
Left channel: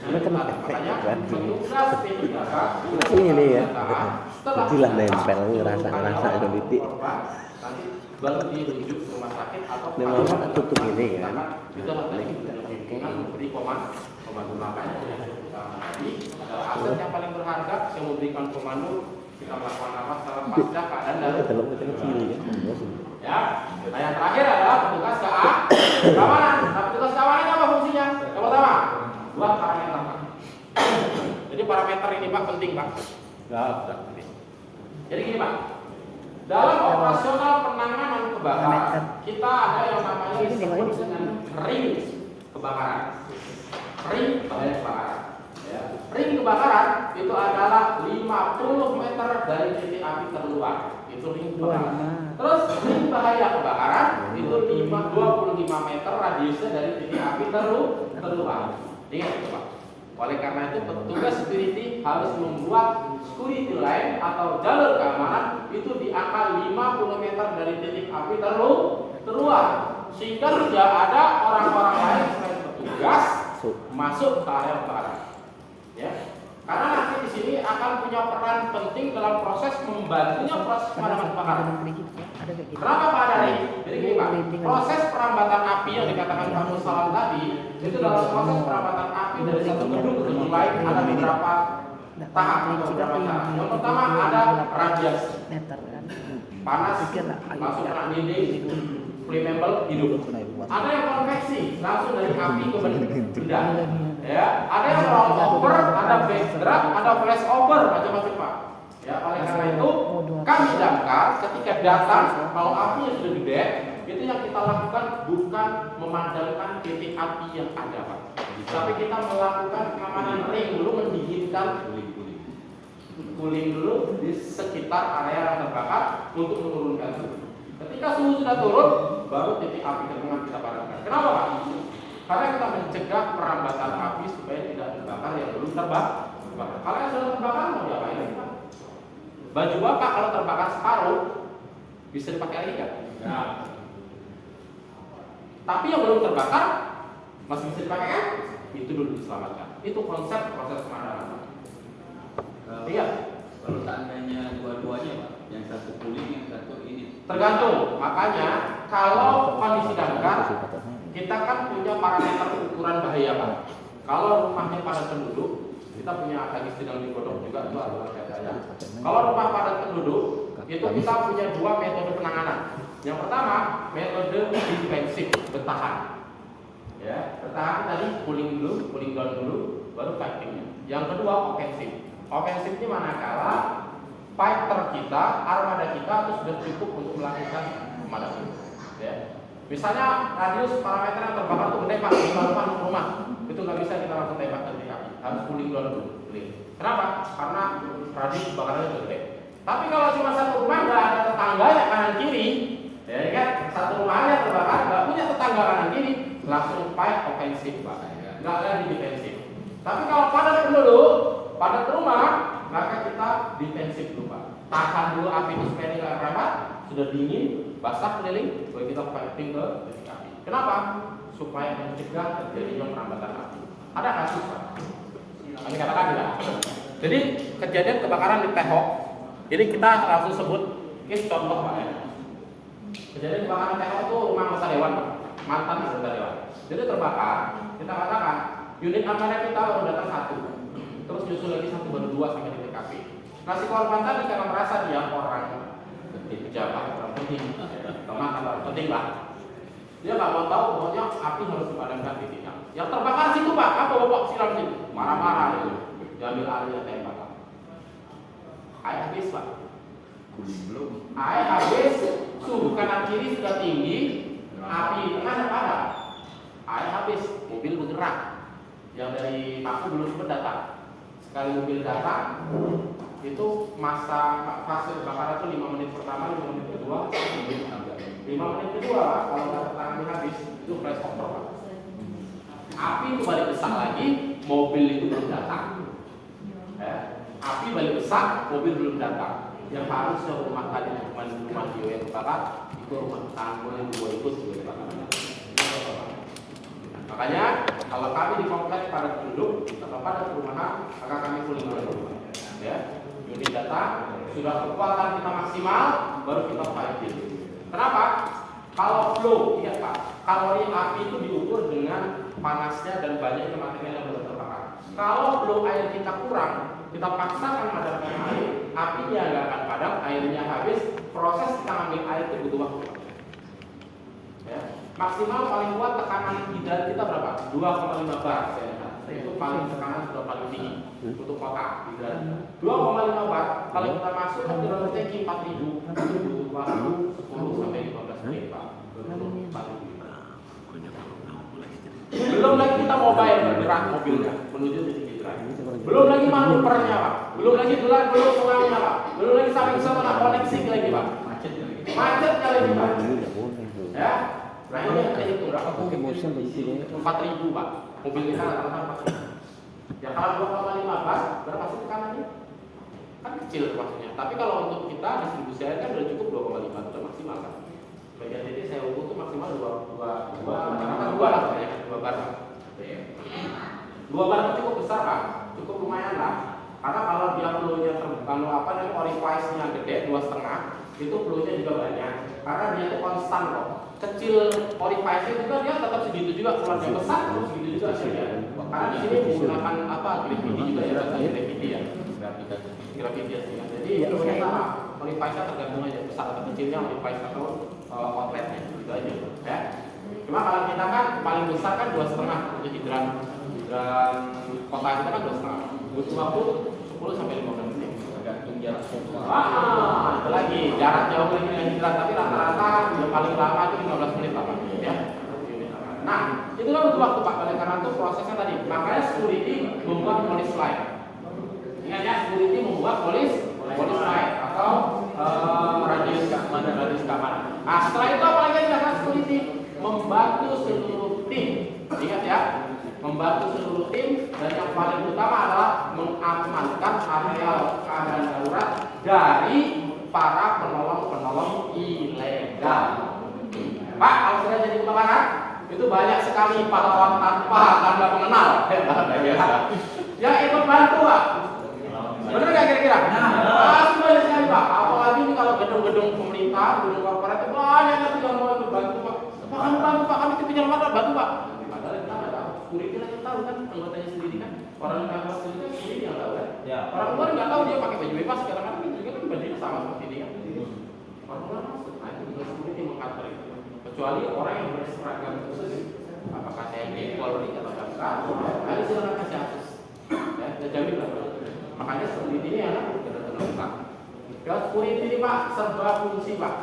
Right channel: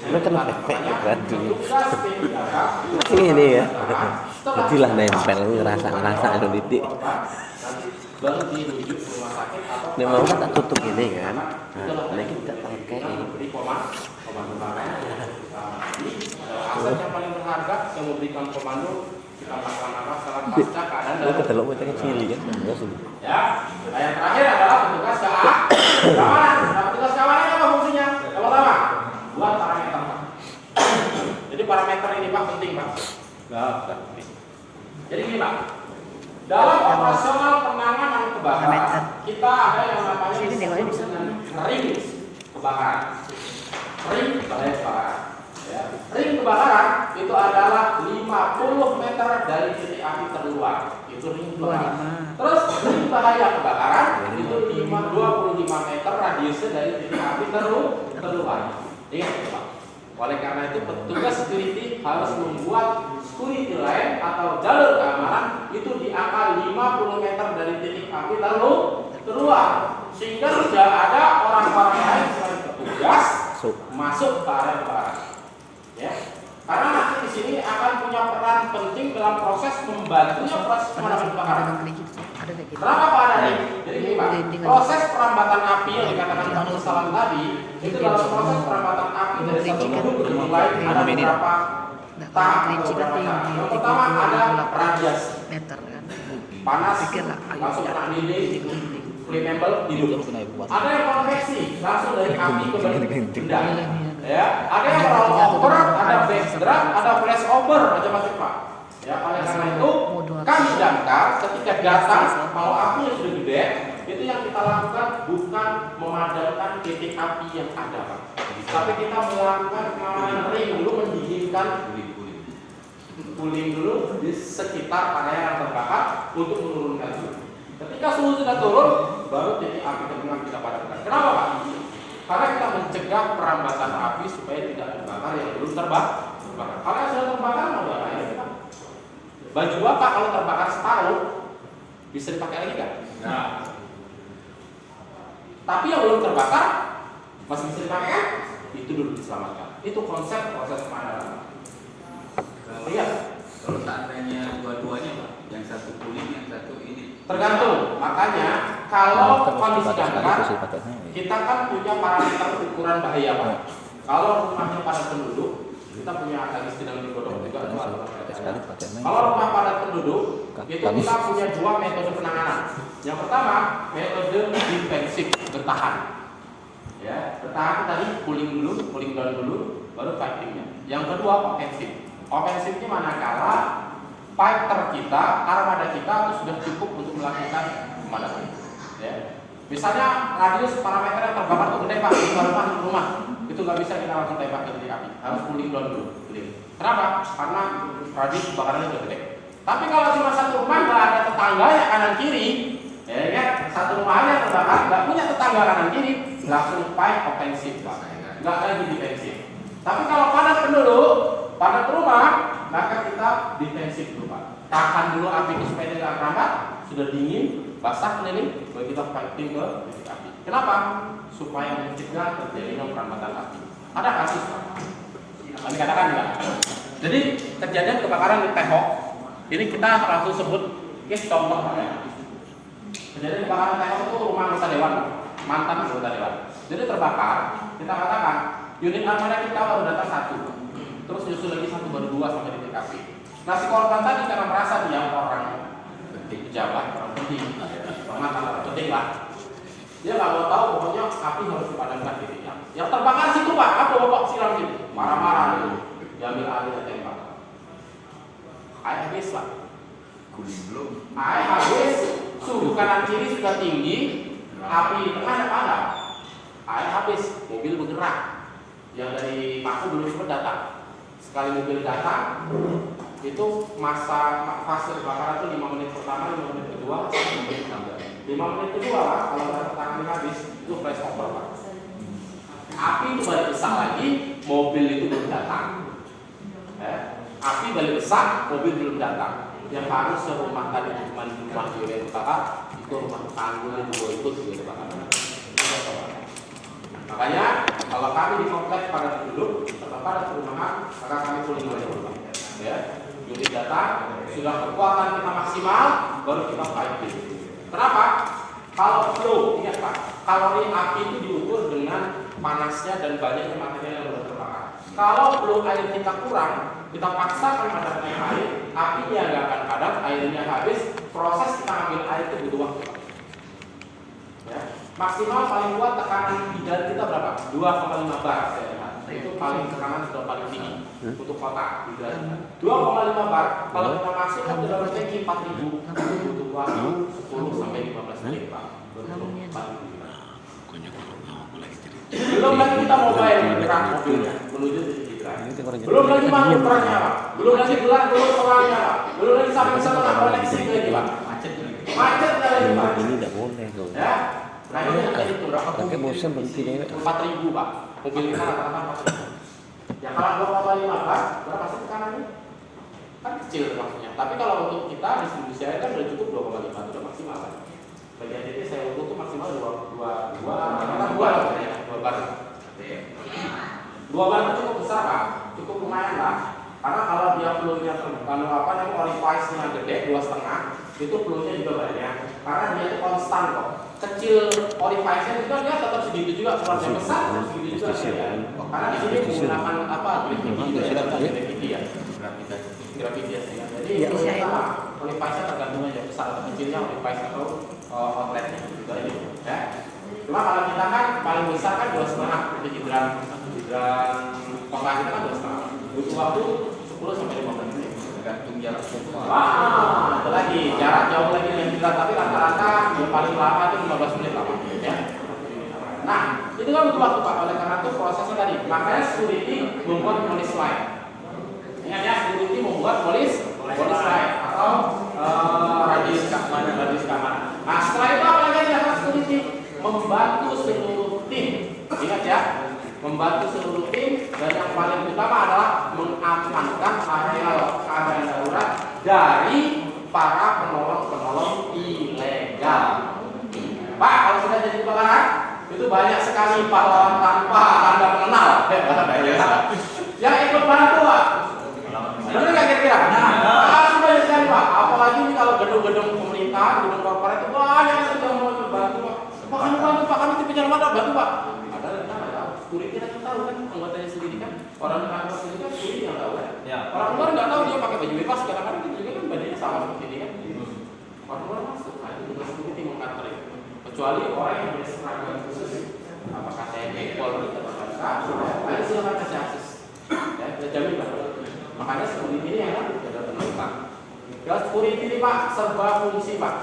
Ini kan berarti ini ya. Itulah nempel rasa ada titik. Baru dirujuk ke rumah sakit atau Ini mau kita tutup ini kan. Nah, kita beri komando makanya aset yang paling berharga yang memberikan komando kita melakukan apa setelah pasca keadaan darurat. Kalau macam cili kan. Ya, nah yang terakhir adalah petugas keamanan. Nah, petugas keamanan apa fungsinya? Yang pertama, buat parameter. Jadi parameter ini Pak penting Pak. Jadi gini Pak, dalam operasional penanganan kebakaran kita ada yang namanya ring kebakaran. Ring kebakaran. Ya. Ring kebakaran itu adalah 50 meter dari titik api terluar. Itu ring kebakaran. Terus ring bahaya kebakaran itu 25 meter radiusnya dari titik api terluar. Ingat itu Pak. Oleh karena itu petugas security harus membuat security line atau jalur keamanan itu di angka 50 meter dari titik api terluar sehingga tidak ada orang-orang lain selain petugas masuk ke area kebakaran. Ya. Karena nanti di sini akan punya peran penting dalam proses membantunya proses penanganan kebakaran. Kenapa Pak Adani? Jadi gini Pak, proses perambatan api yang dikatakan Pak Nur Salam tadi itu dalam proses perambatan api dari satu gedung ke lain ada beberapa tahap beberapa cara. Yang pertama ada radiasi meter kan. panas masuk kena dinding flammable hidup. Ada yang konveksi langsung dari api ke benda. Ya, ada yang roll over, ada backdraft, ada flash over macam-macam Pak. Ya, oleh karena itu kami damkar ketika datang kalau apinya sudah gede, itu yang kita lakukan bukan memadamkan titik api yang ada Pak. Tapi kita melakukan pengamanan ring dulu, mendinginkan cooling dulu di sekitar area yang terbakar untuk menurunkan suhu. Ketika suhu sudah turun, baru titik api terbenam kita padamkan. Kenapa Pak? Karena kita mencegah perambatan api supaya tidak terbakar yang belum terbakar. Kalau yang sudah terbakar mau diapain Pak? Baju apa kalau terbakar separuh? Bisa dipakai lagi nggak? Nggak. Tapi yang belum terbakar masih bisa dipakai kan? Itu dulu diselamatkan. Itu konsep proses pemadaman. Iya. Kalau seandainya dua-duanya Pak, yang satu kuning, yang satu ini. Tergantung. Makanya kalau kondisi darurat, kita kan punya parameter ukuran bahaya Pak. Kalau rumahnya padat penduduk, kita punya lagi sedang digodok juga itu adalah kaitannya. Kalau rumah padat penduduk, itu kita punya dua metode penanganan. Yang pertama, metode defensif, bertahan. Ya, bertahan tadi cooling down dulu, baru fightingnya. Yang kedua, ofensif. Ofensif ini manakala fighter kita, armada kita itu sudah cukup untuk melakukan pemadaman. Ya. Misalnya radius parameter yang terbakar itu gede Pak, di rumah itu nggak bisa kita lakukan tembak ke titik api, harus cooling down dulu. Kenapa? Karena radius kebakarannya sudah gede. Tapi kalau cuma satu rumah nggak ada tetangga yang kanan kiri, ya kan? Satu rumah aja terbakar, nggak punya tetangga kanan kiri, langsung fight ofensif Pak, nggak lagi defensif. Tapi kalau padat penduduk, padat rumah, maka kita defensif dulu Pak. Tahan dulu api itu supaya tidak merambat, sudah dingin, basah keliling, baru kita fighting ke titik api. Kenapa? Supaya mencegah terjadinya perambatan api. Ada kasus Pak. Kami katakan juga. Jadi kejadian kebakaran di tembok, ini kita langsung sebut case contoh Pak ya. Kejadian kebakaran tembok itu rumah anggota dewan Pak, mantan anggota dewan. Jadi terbakar, kita katakan unit armada kita baru datang satu, terus nyusul lagi satu baru dua sampai di TKP. Nah si korban tadi karena merasa dia orang pejabat, orang penting, orang penting lah. Dia nggak mau tahu pokoknya api harus dipadamkan titiknya. Yang terbakar situ Pak, apa bapak siram situ, marah-marah dulu, diambil alih tembak. Air habis Pak, air habis, suhu kanan kiri sudah tinggi, api di tengah ada padam. Air habis, mobil bergerak. Yang dari Paku belum sempat datang. Sekali mobil datang, itu fase kebakaran itu 5 menit pertama, 5 menit kedua, 5 menit ketiga. 5 menit kedua Pak, kalau nggak tangan habis, itu flash over Pak. Api itu balik besar lagi, mobil itu belum datang. Api balik besar, mobil belum datang. Yang baru serumah tadi cuma rumah jiwa yang terbakar, itu rumah tanggul yang juga ikut juga terbakar. Makanya kalau kami di kompleks padat penduduk atau padat perumahan, maka kami cooling down. Ya, unit data sudah kekuatan kita maksimal, baru kita fighting. Kenapa? Kalau flow, ingat Pak, kalori api itu diukur dengan panasnya dan banyaknya material yang sudah terbakar. Kalau flow air kita kurang, kita paksakan padamkan air, apinya nggak akan padam, airnya habis, proses kita ambil air itu butuh waktu. Ya. Maksimal paling kuat tekanan hidran kita berapa? 2,5 bar saya lihat. Itu paling tekanan sudah paling tinggi untuk kota hidran. 2,5 bar. Kalau kita masuk kan sudah berceki 4.000 butuh waktu 10 sampai 15 menit Pak. Belum lagi kita mobile bergerak mobilnya menuju titik hidran. Belum lagi manuvernya Pak. Belum lagi gelar solarnya Pak. Belum lagi sampai sana koneksi lagi Pak. Macet kali Pak. Ya. Nah ini jadi itu berapa? 4.000 Pak. Mobil kita rata-rata 4.000. Ya kalau 2,5 Pak, berapa sih tekanannya? Kan kecil maksudnya. Tapi kalau untuk kita distribusi air kan sudah cukup 2,5 itu sudah maksimal kan. Bagian ini saya ukur tuh maksimal 2 lah ya, 2 bar. 2 bar itu cukup besar Pak, cukup lumayan lah. Karena kalau dia flow-nya kalau apa namanya orifice-nya gede 2,5, itu flow-nya juga banyak. Karena dia itu konstan kok. Kecil orifice-nya juga dia tetap segitu juga, kalau yang besar terus segitu juga ya. Karena di sini menggunakan apa? Gravity juga ya, gravity ya. Gravity ya. Jadi sama orifice-nya tergantung aja besar atau kecilnya orifice atau outlet-nya juga aja. Ya. Cuma kalau kita kan paling besar kan 2,5 jadi hidran kota kita kan 2,5. Butuh waktu 10 sampai 15 menit. Tergantung jarak jauh. Wah, itu lagi jarak jauh lagi yang kita tapi rata-rata yang paling lama itu 15 menit lah, ya. Nah, itu kan butuh waktu Pak. Oleh karena itu prosesnya tadi, makanya security membuat polis lain. Ingat ya, security membuat polis lain atau radius keamanan. Nah, setelah itu apa lagi yang security membantu seluruh tim. Ingat ya, membantu seluruh tim dan yang paling utama adalah mengamankan areal keadaan darurat dari para penolong-penolong Ya. Pak, kalau sudah jadi kebakaran, itu banyak sekali pahlawan tanpa tanda pengenal. Yang ikut bantu, Pak. Benar nggak kira-kira? Sudah sekali, Pak. Apalagi ini kalau gedung-gedung pemerintah, gedung korporat itu banyak yang mau bantu, Pak. Pak, kami bantu, Pak. Kami tim penyelamat, bantu, Pak. Ada tahu. Security kita tahu kan, anggotanya sendiri kan. Orang kantor sendiri kan security yang tahu kan. Orang luar nggak tahu, dia pakai baju bebas. Kadang-kadang kita juga kan bajunya sama seperti ini kan. Orang luar masuk, nah itu juga security mengatur itu. Kecuali orang yang berseragam khusus, apakah TNI, Polri, atau apa, ada silakan kasih akses. Ya, jamin Pak. Makanya security ini yang harus ada teman Pak. Ya security ini Pak, serba fungsi Pak.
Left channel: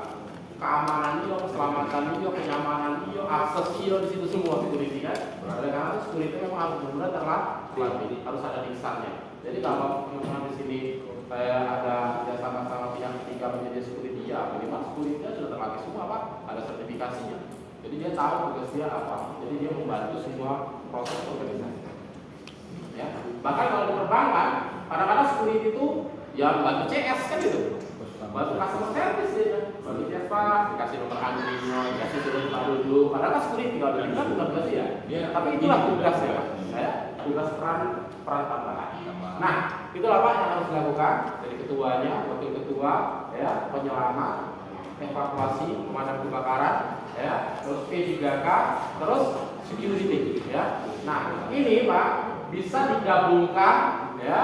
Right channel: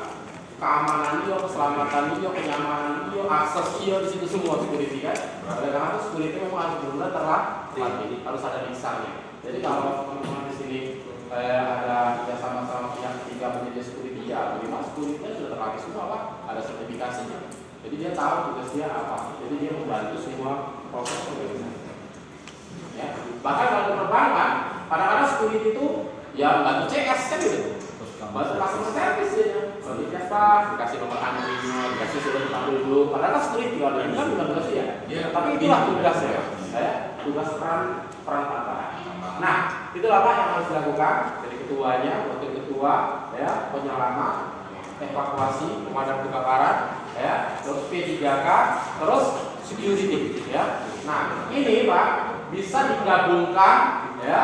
Keamanan iyo, keselamatan iyo, kenyamanan iyo, akses iyo di situ semua security kan. Oleh karena itu security memang harus benar-benar terlatih, harus ada misalnya. Jadi kalau teman-teman di sini ada sama-sama pihak ketiga menjadi security ya, memang security-nya sudah terlatih semua Pak, ada sertifikasinya. Jadi dia tahu tugas dia apa. Jadi dia membantu semua proses organisasi. Ya, bahkan kalau penerbangan, kadang-kadang security itu ya bantu CS kan gitu. Bantu customer service ya. Bagi Vespa, dikasih nomor anjing, dikasih sudah dipanggil dulu. Padahal kan security ada yang bukan tugas ya. Tapi itulah tugasnya, tugas peran apa. Nah, itulah Pak yang harus dilakukan dari ketuanya, wakil ketua, ya, penyelamat, evakuasi, pemadam kebakaran, ya, terus P3K, terus security, ya. Nah, ini Pak bisa digabungkan, ya.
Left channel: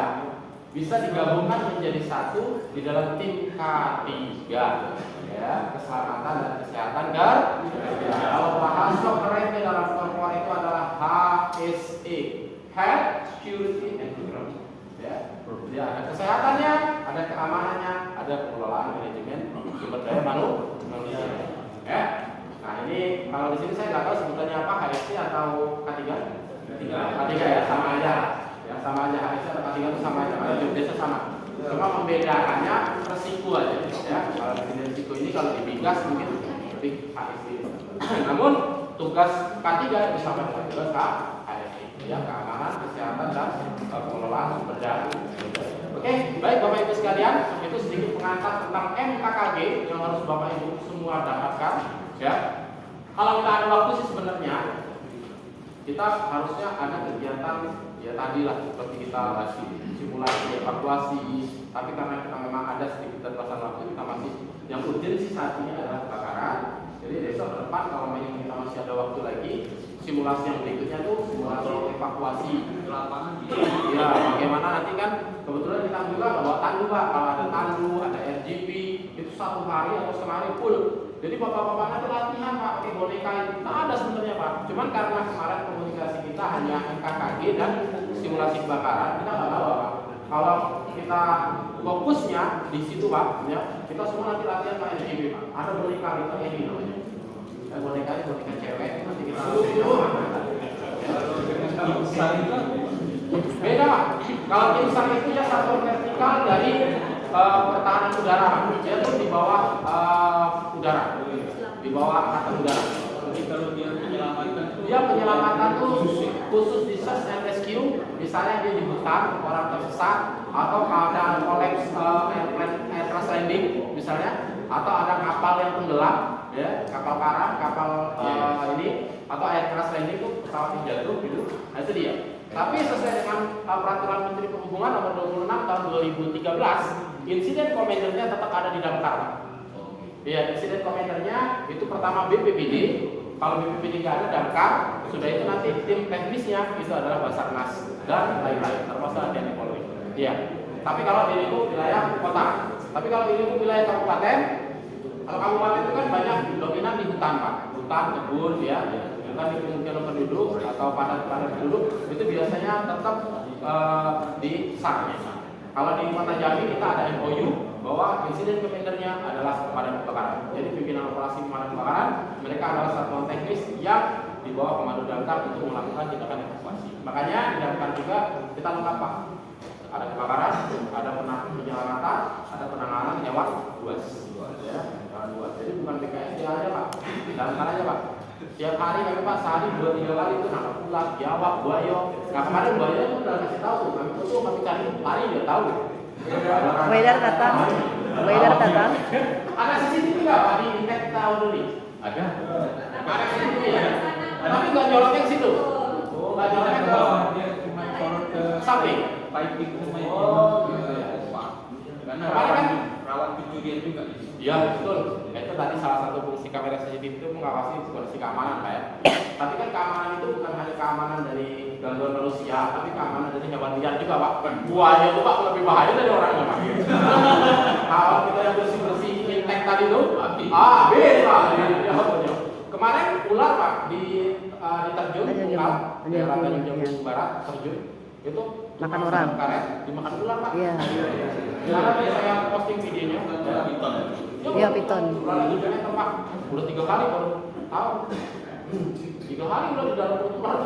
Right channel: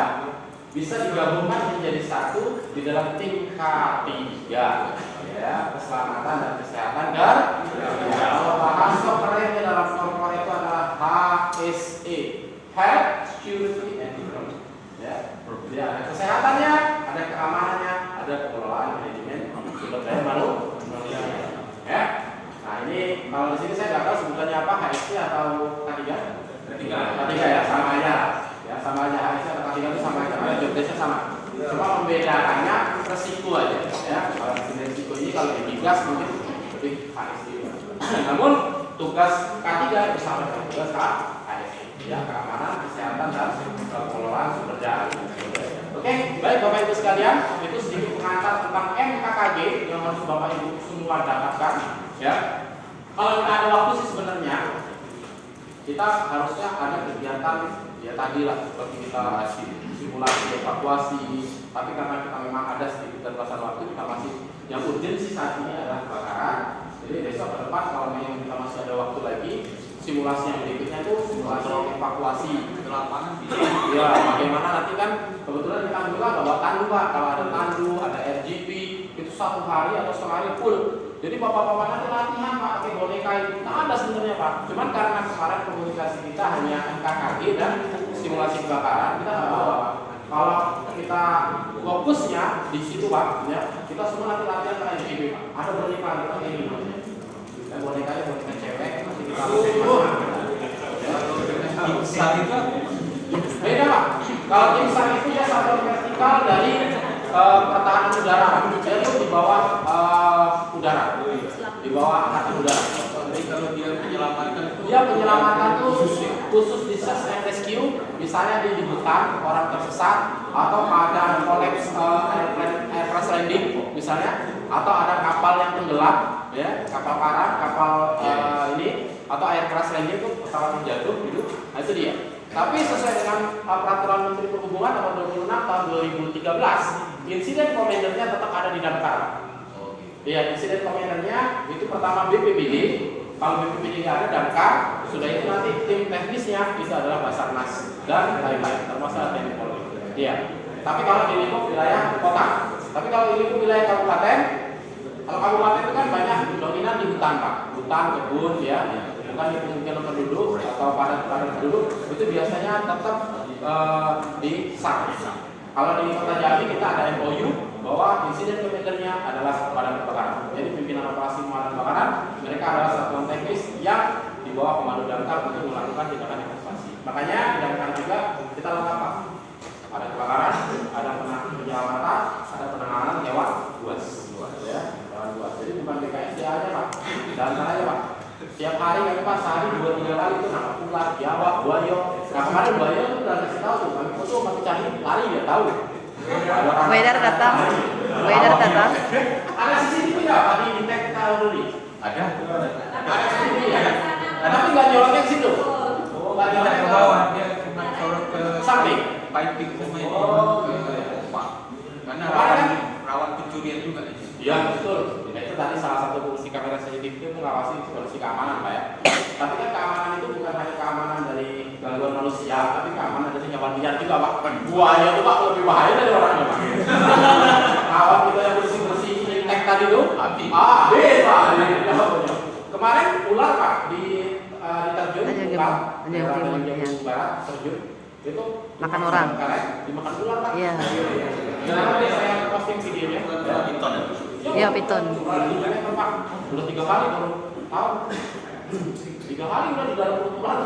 Bisa digabungkan menjadi satu di dalam tim K3, ya, keselamatan dan kesehatan kalau bahasa kerennya dalam korporat itu adalah HSE, Health, Security, and Environment. Ya, jadi ada kesehatannya, ada keamanannya, ada pengelolaan manajemen sumber daya manusia. Ya, nah ini kalau di sini saya nggak tahu sebutannya apa, HSE atau K3? K3 ya, sama aja. Ya sama aja, HSE atau K3 itu sama aja, jobdesknya sama. Cuma membedakannya resiko aja, ya. Kalau di resiko ini kalau di migas mungkin lebih HSE. Namun tugas K3 bersama dengan tugas HSE, ya, keamanan, kesehatan dan pengelolaan sumber daya. Oke, baik Bapak Ibu sekalian, itu sedikit pengantar tentang MKKG yang harus Bapak Ibu semua dapatkan, ya. Kalau kita ada waktu sih sebenarnya kita harusnya ada kegiatan ya tadi lah seperti kita simulasi evakuasi, tapi karena kita memang ada sedikit keterbatasan waktu, kita masih yang urgensi saat ini adalah kebakaran. Jadi besok ke depan kalau memang kita masih ada waktu lagi, simulasi yang berikutnya itu simulasi evakuasi ke lapangan. Ya, bagaimana nanti kan kebetulan kita juga bawa tandu Pak, kalau ada tandu, ada RGB itu 1 hari atau setengah hari full. Jadi bapak-bapaknya itu latihan Pak pakai boneka itu. Nah ada sebenarnya Pak. Cuman karena kemarin komunikasi kita hanya MKKG dan simulasi kebakaran, kita nggak bawa Pak. Kalau kita fokusnya di situ Pak, ya, kita semua nanti latihan ke RGB Pak. Ada boneka kita kayak gini. Dan bonekanya boneka cewek nanti kita beda Pak. Kalau imsak itu ya satu vertikal dari pertahanan udara, yaitu di bawah udara, di bawah angkatan udara. Jadi kalau dia penyelamatan tuh khusus di search and rescue, misalnya dia di hutan, orang tersesat, atau ada kolaps air crash landing, misalnya, atau ada kapal yang tenggelam, ya, kapal karam, kapal ini, atau air crash landing itu pesawat yang jatuh, gitu. Nah itu dia. Tapi sesuai dengan peraturan Menteri Perhubungan nomor 26 tahun 2013, insiden komandernya tetap ada di damkar. Ya, insiden komandernya itu pertama BPBD, kalau BPBD nggak ada damkar, sudah itu nanti tim teknisnya itu adalah Basarnas dan lain-lain, termasuk TNI Polri. Iya. Tapi kalau di lingkup wilayah kota, tapi kalau di lingkup wilayah kabupaten, kalau kabupaten itu kan banyak dominan di hutan Pak, hutan, kebun, ya. Bukan di pemukiman penduduk atau padat penduduk, itu biasanya tetap di SAR. Kalau di Kota Jambi kita ada MOU bahwa insiden komandernya adalah pemadam kebakaran. Jadi pimpinan operasi pemadam kebakaran mereka adalah satuan teknis yang di bawah komando damkar untuk melakukan tindakan evakuasi. Makanya di damkar juga kita lengkap Pak. Ada kebakaran, ada penyelamatan, ada penanganan lewat buas, ya, buas. Jadi bukan BKSD aja Pak, damkar aja Pak. Setiap hari kami Pak sehari 2-3 kali itu nangkap ular, jawab, buaya. Nah kemarin buaya itu udah kasih tahu tuh, kami foto, kami cari, lari dia tahu. Weather datang. Ada CCTV nggak Pak di Intek kita Ya, itu tadi salah satu fungsi kamera CCTV itu mengawasi kondisi keamanan, Pak ya. Tapi kan keamanan itu bukan hanya keamanan dari gangguan manusia, tapi keamanan dari hewan liar juga, Pak. Buaya itu Pak lebih bahaya dari orangnya, Pak. Awal kita yang bersih-bersih ini tag tadi tuh, habis Pak. Kemarin ular Pak di terjun Tunggal, daerah Tanjung Barat terjun itu Makan orang. karet, dimakan ular Pak. Iya. Jangan saya posting videonya. Iya, piton. Udah 3 kali baru tahu. 3 kali udah di dalam perut ular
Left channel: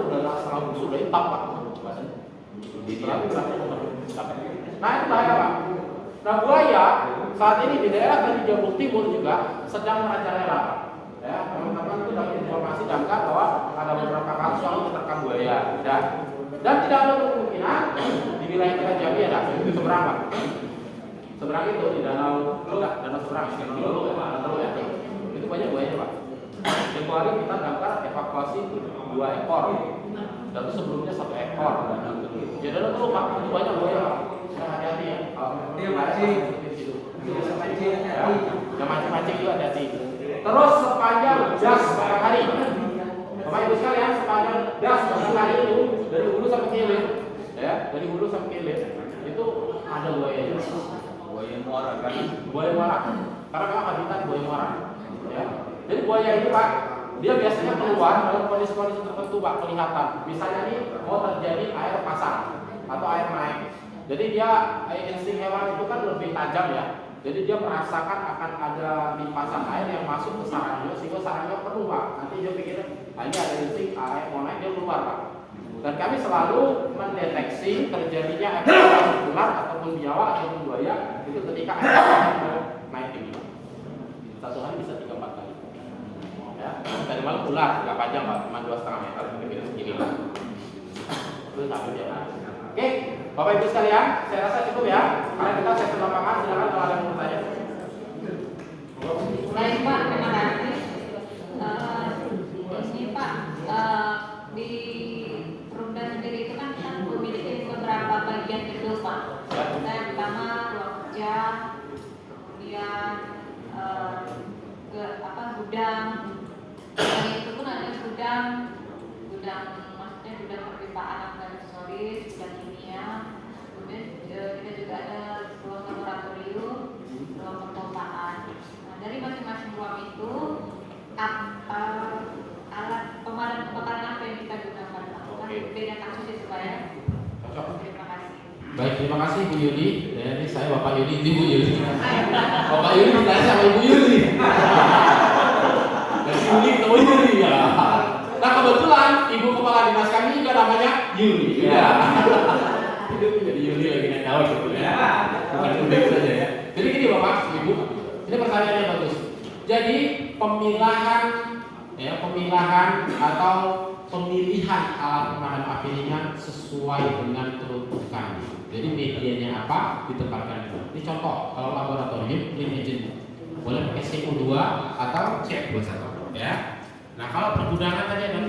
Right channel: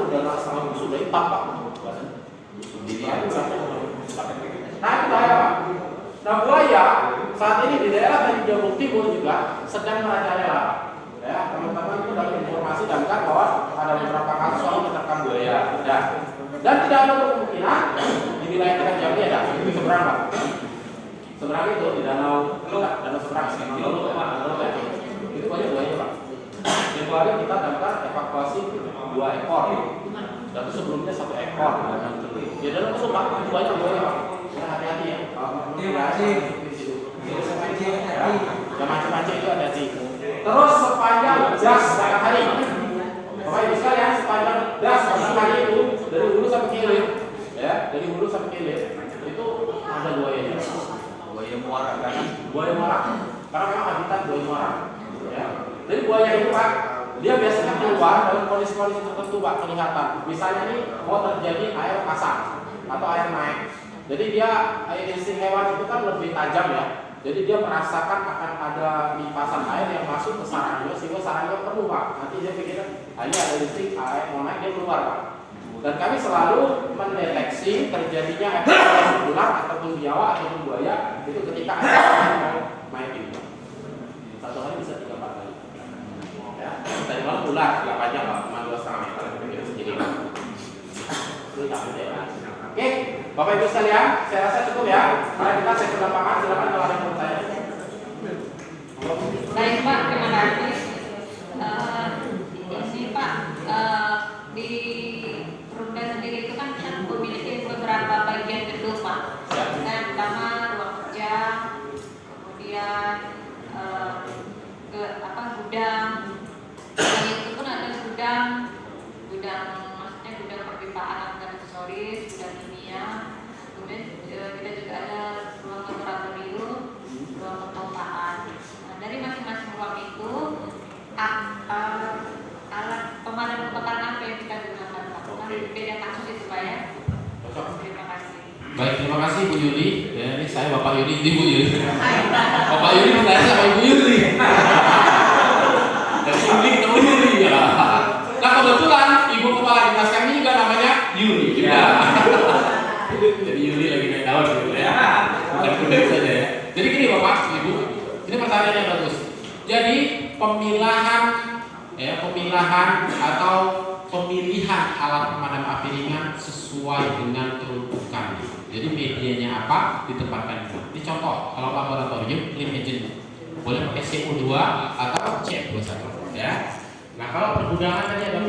sudah hitam Pak. Nah itu bahaya Pak. Nah buaya saat ini di daerah dari Jawa Timur juga sedang merajalela. Ya, teman-teman itu dapat informasi damkar bahwa ada beberapa kasus soal menerkam buaya. Dan tidak ada kemungkinan di wilayah kita Jambi ada di seberang Pak. Seberang itu di danau seberang itu banyak buaya Pak. Tempoh hari kita damkar evakuasi 2 ekor. Dan sebelumnya 1 ekor. Di dalam itu Pak itu banyak buaya Pak. Hati-hati ya. Jangan mancing-mancing itu hati-hati. Terus sepanjang jas setiap hari. Bapak Ibu sekalian, sepanjang jas setiap hari itu dari hulu sampai hilir, ya, dari hulu sampai hilir itu ada buaya. Buaya muara kan? Buaya muara. Karena memang habitat buaya muara. Ya. Jadi buaya itu Pak, dia biasanya keluar dalam kondisi-kondisi tertentu Pak kelihatan. Misalnya ini mau terjadi air pasang atau air naik. Jadi dia insting hewan itu kan lebih tajam ya. Jadi dia merasakan akan ada limpasan air yang masuk ke sarangnya sehingga sarangnya penuh Pak. Nanti dia pikir hanya ada insting air mau naik dia keluar Pak. Dan kami selalu mendeteksi terjadinya evakuasi ular ataupun biawak ataupun buaya itu ketika air mau naik ini. Satu hari bisa 3-4 kali. Ya, tadi malam ular 8 jam Pak, cuma 2,5 meter kira-kira segini Pak. Itu takut ya Pak. Oke, Bapak Ibu sekalian, saya rasa cukup ya. Karena kita sesi lapangan, silakan kalau ada yang bertanya. Baik Pak, terima kasih. Ini Pak, di Perumda sendiri itu kan memiliki beberapa bagian gedung Pak. Yang pertama ruang kerja, kemudian gudang. Itu pun ada gudang maksudnya gudang perpipaan aksesoris, gudang kimia. Kemudian kita juga ada ruang laboratorium, ruang pemompaan. Nah, dari masing-masing ruang itu alat pemadam kebakaran apa yang kita gunakan Pak? Beda kasus itu Pak ya. Terima kasih. Baik, terima kasih Bu Yuli. Ya, ini saya Bapak Yuli, ini Bu Yuli. Bapak Yuli bertanya sama Ibu Yuli. Dan Yuli ketemu Yuli ya. Nah kebetulan Ibu Kepala Dinas kami juga namanya Yuli. Ya. Jadi Yuli lagi main tahun gitu ya. Bukan pendek saja ya. Jadi gini Bapak, Ibu, ini pertanyaannya bagus. Jadi pemilahan atau pemilihan alat pemadam api ringan sesuai dengan peruntukan. Jadi medianya apa ditempatkan itu. Ini contoh kalau laboratorium clean engine boleh pakai CO2 atau C21 ya. Nah kalau pergudangan tadi ada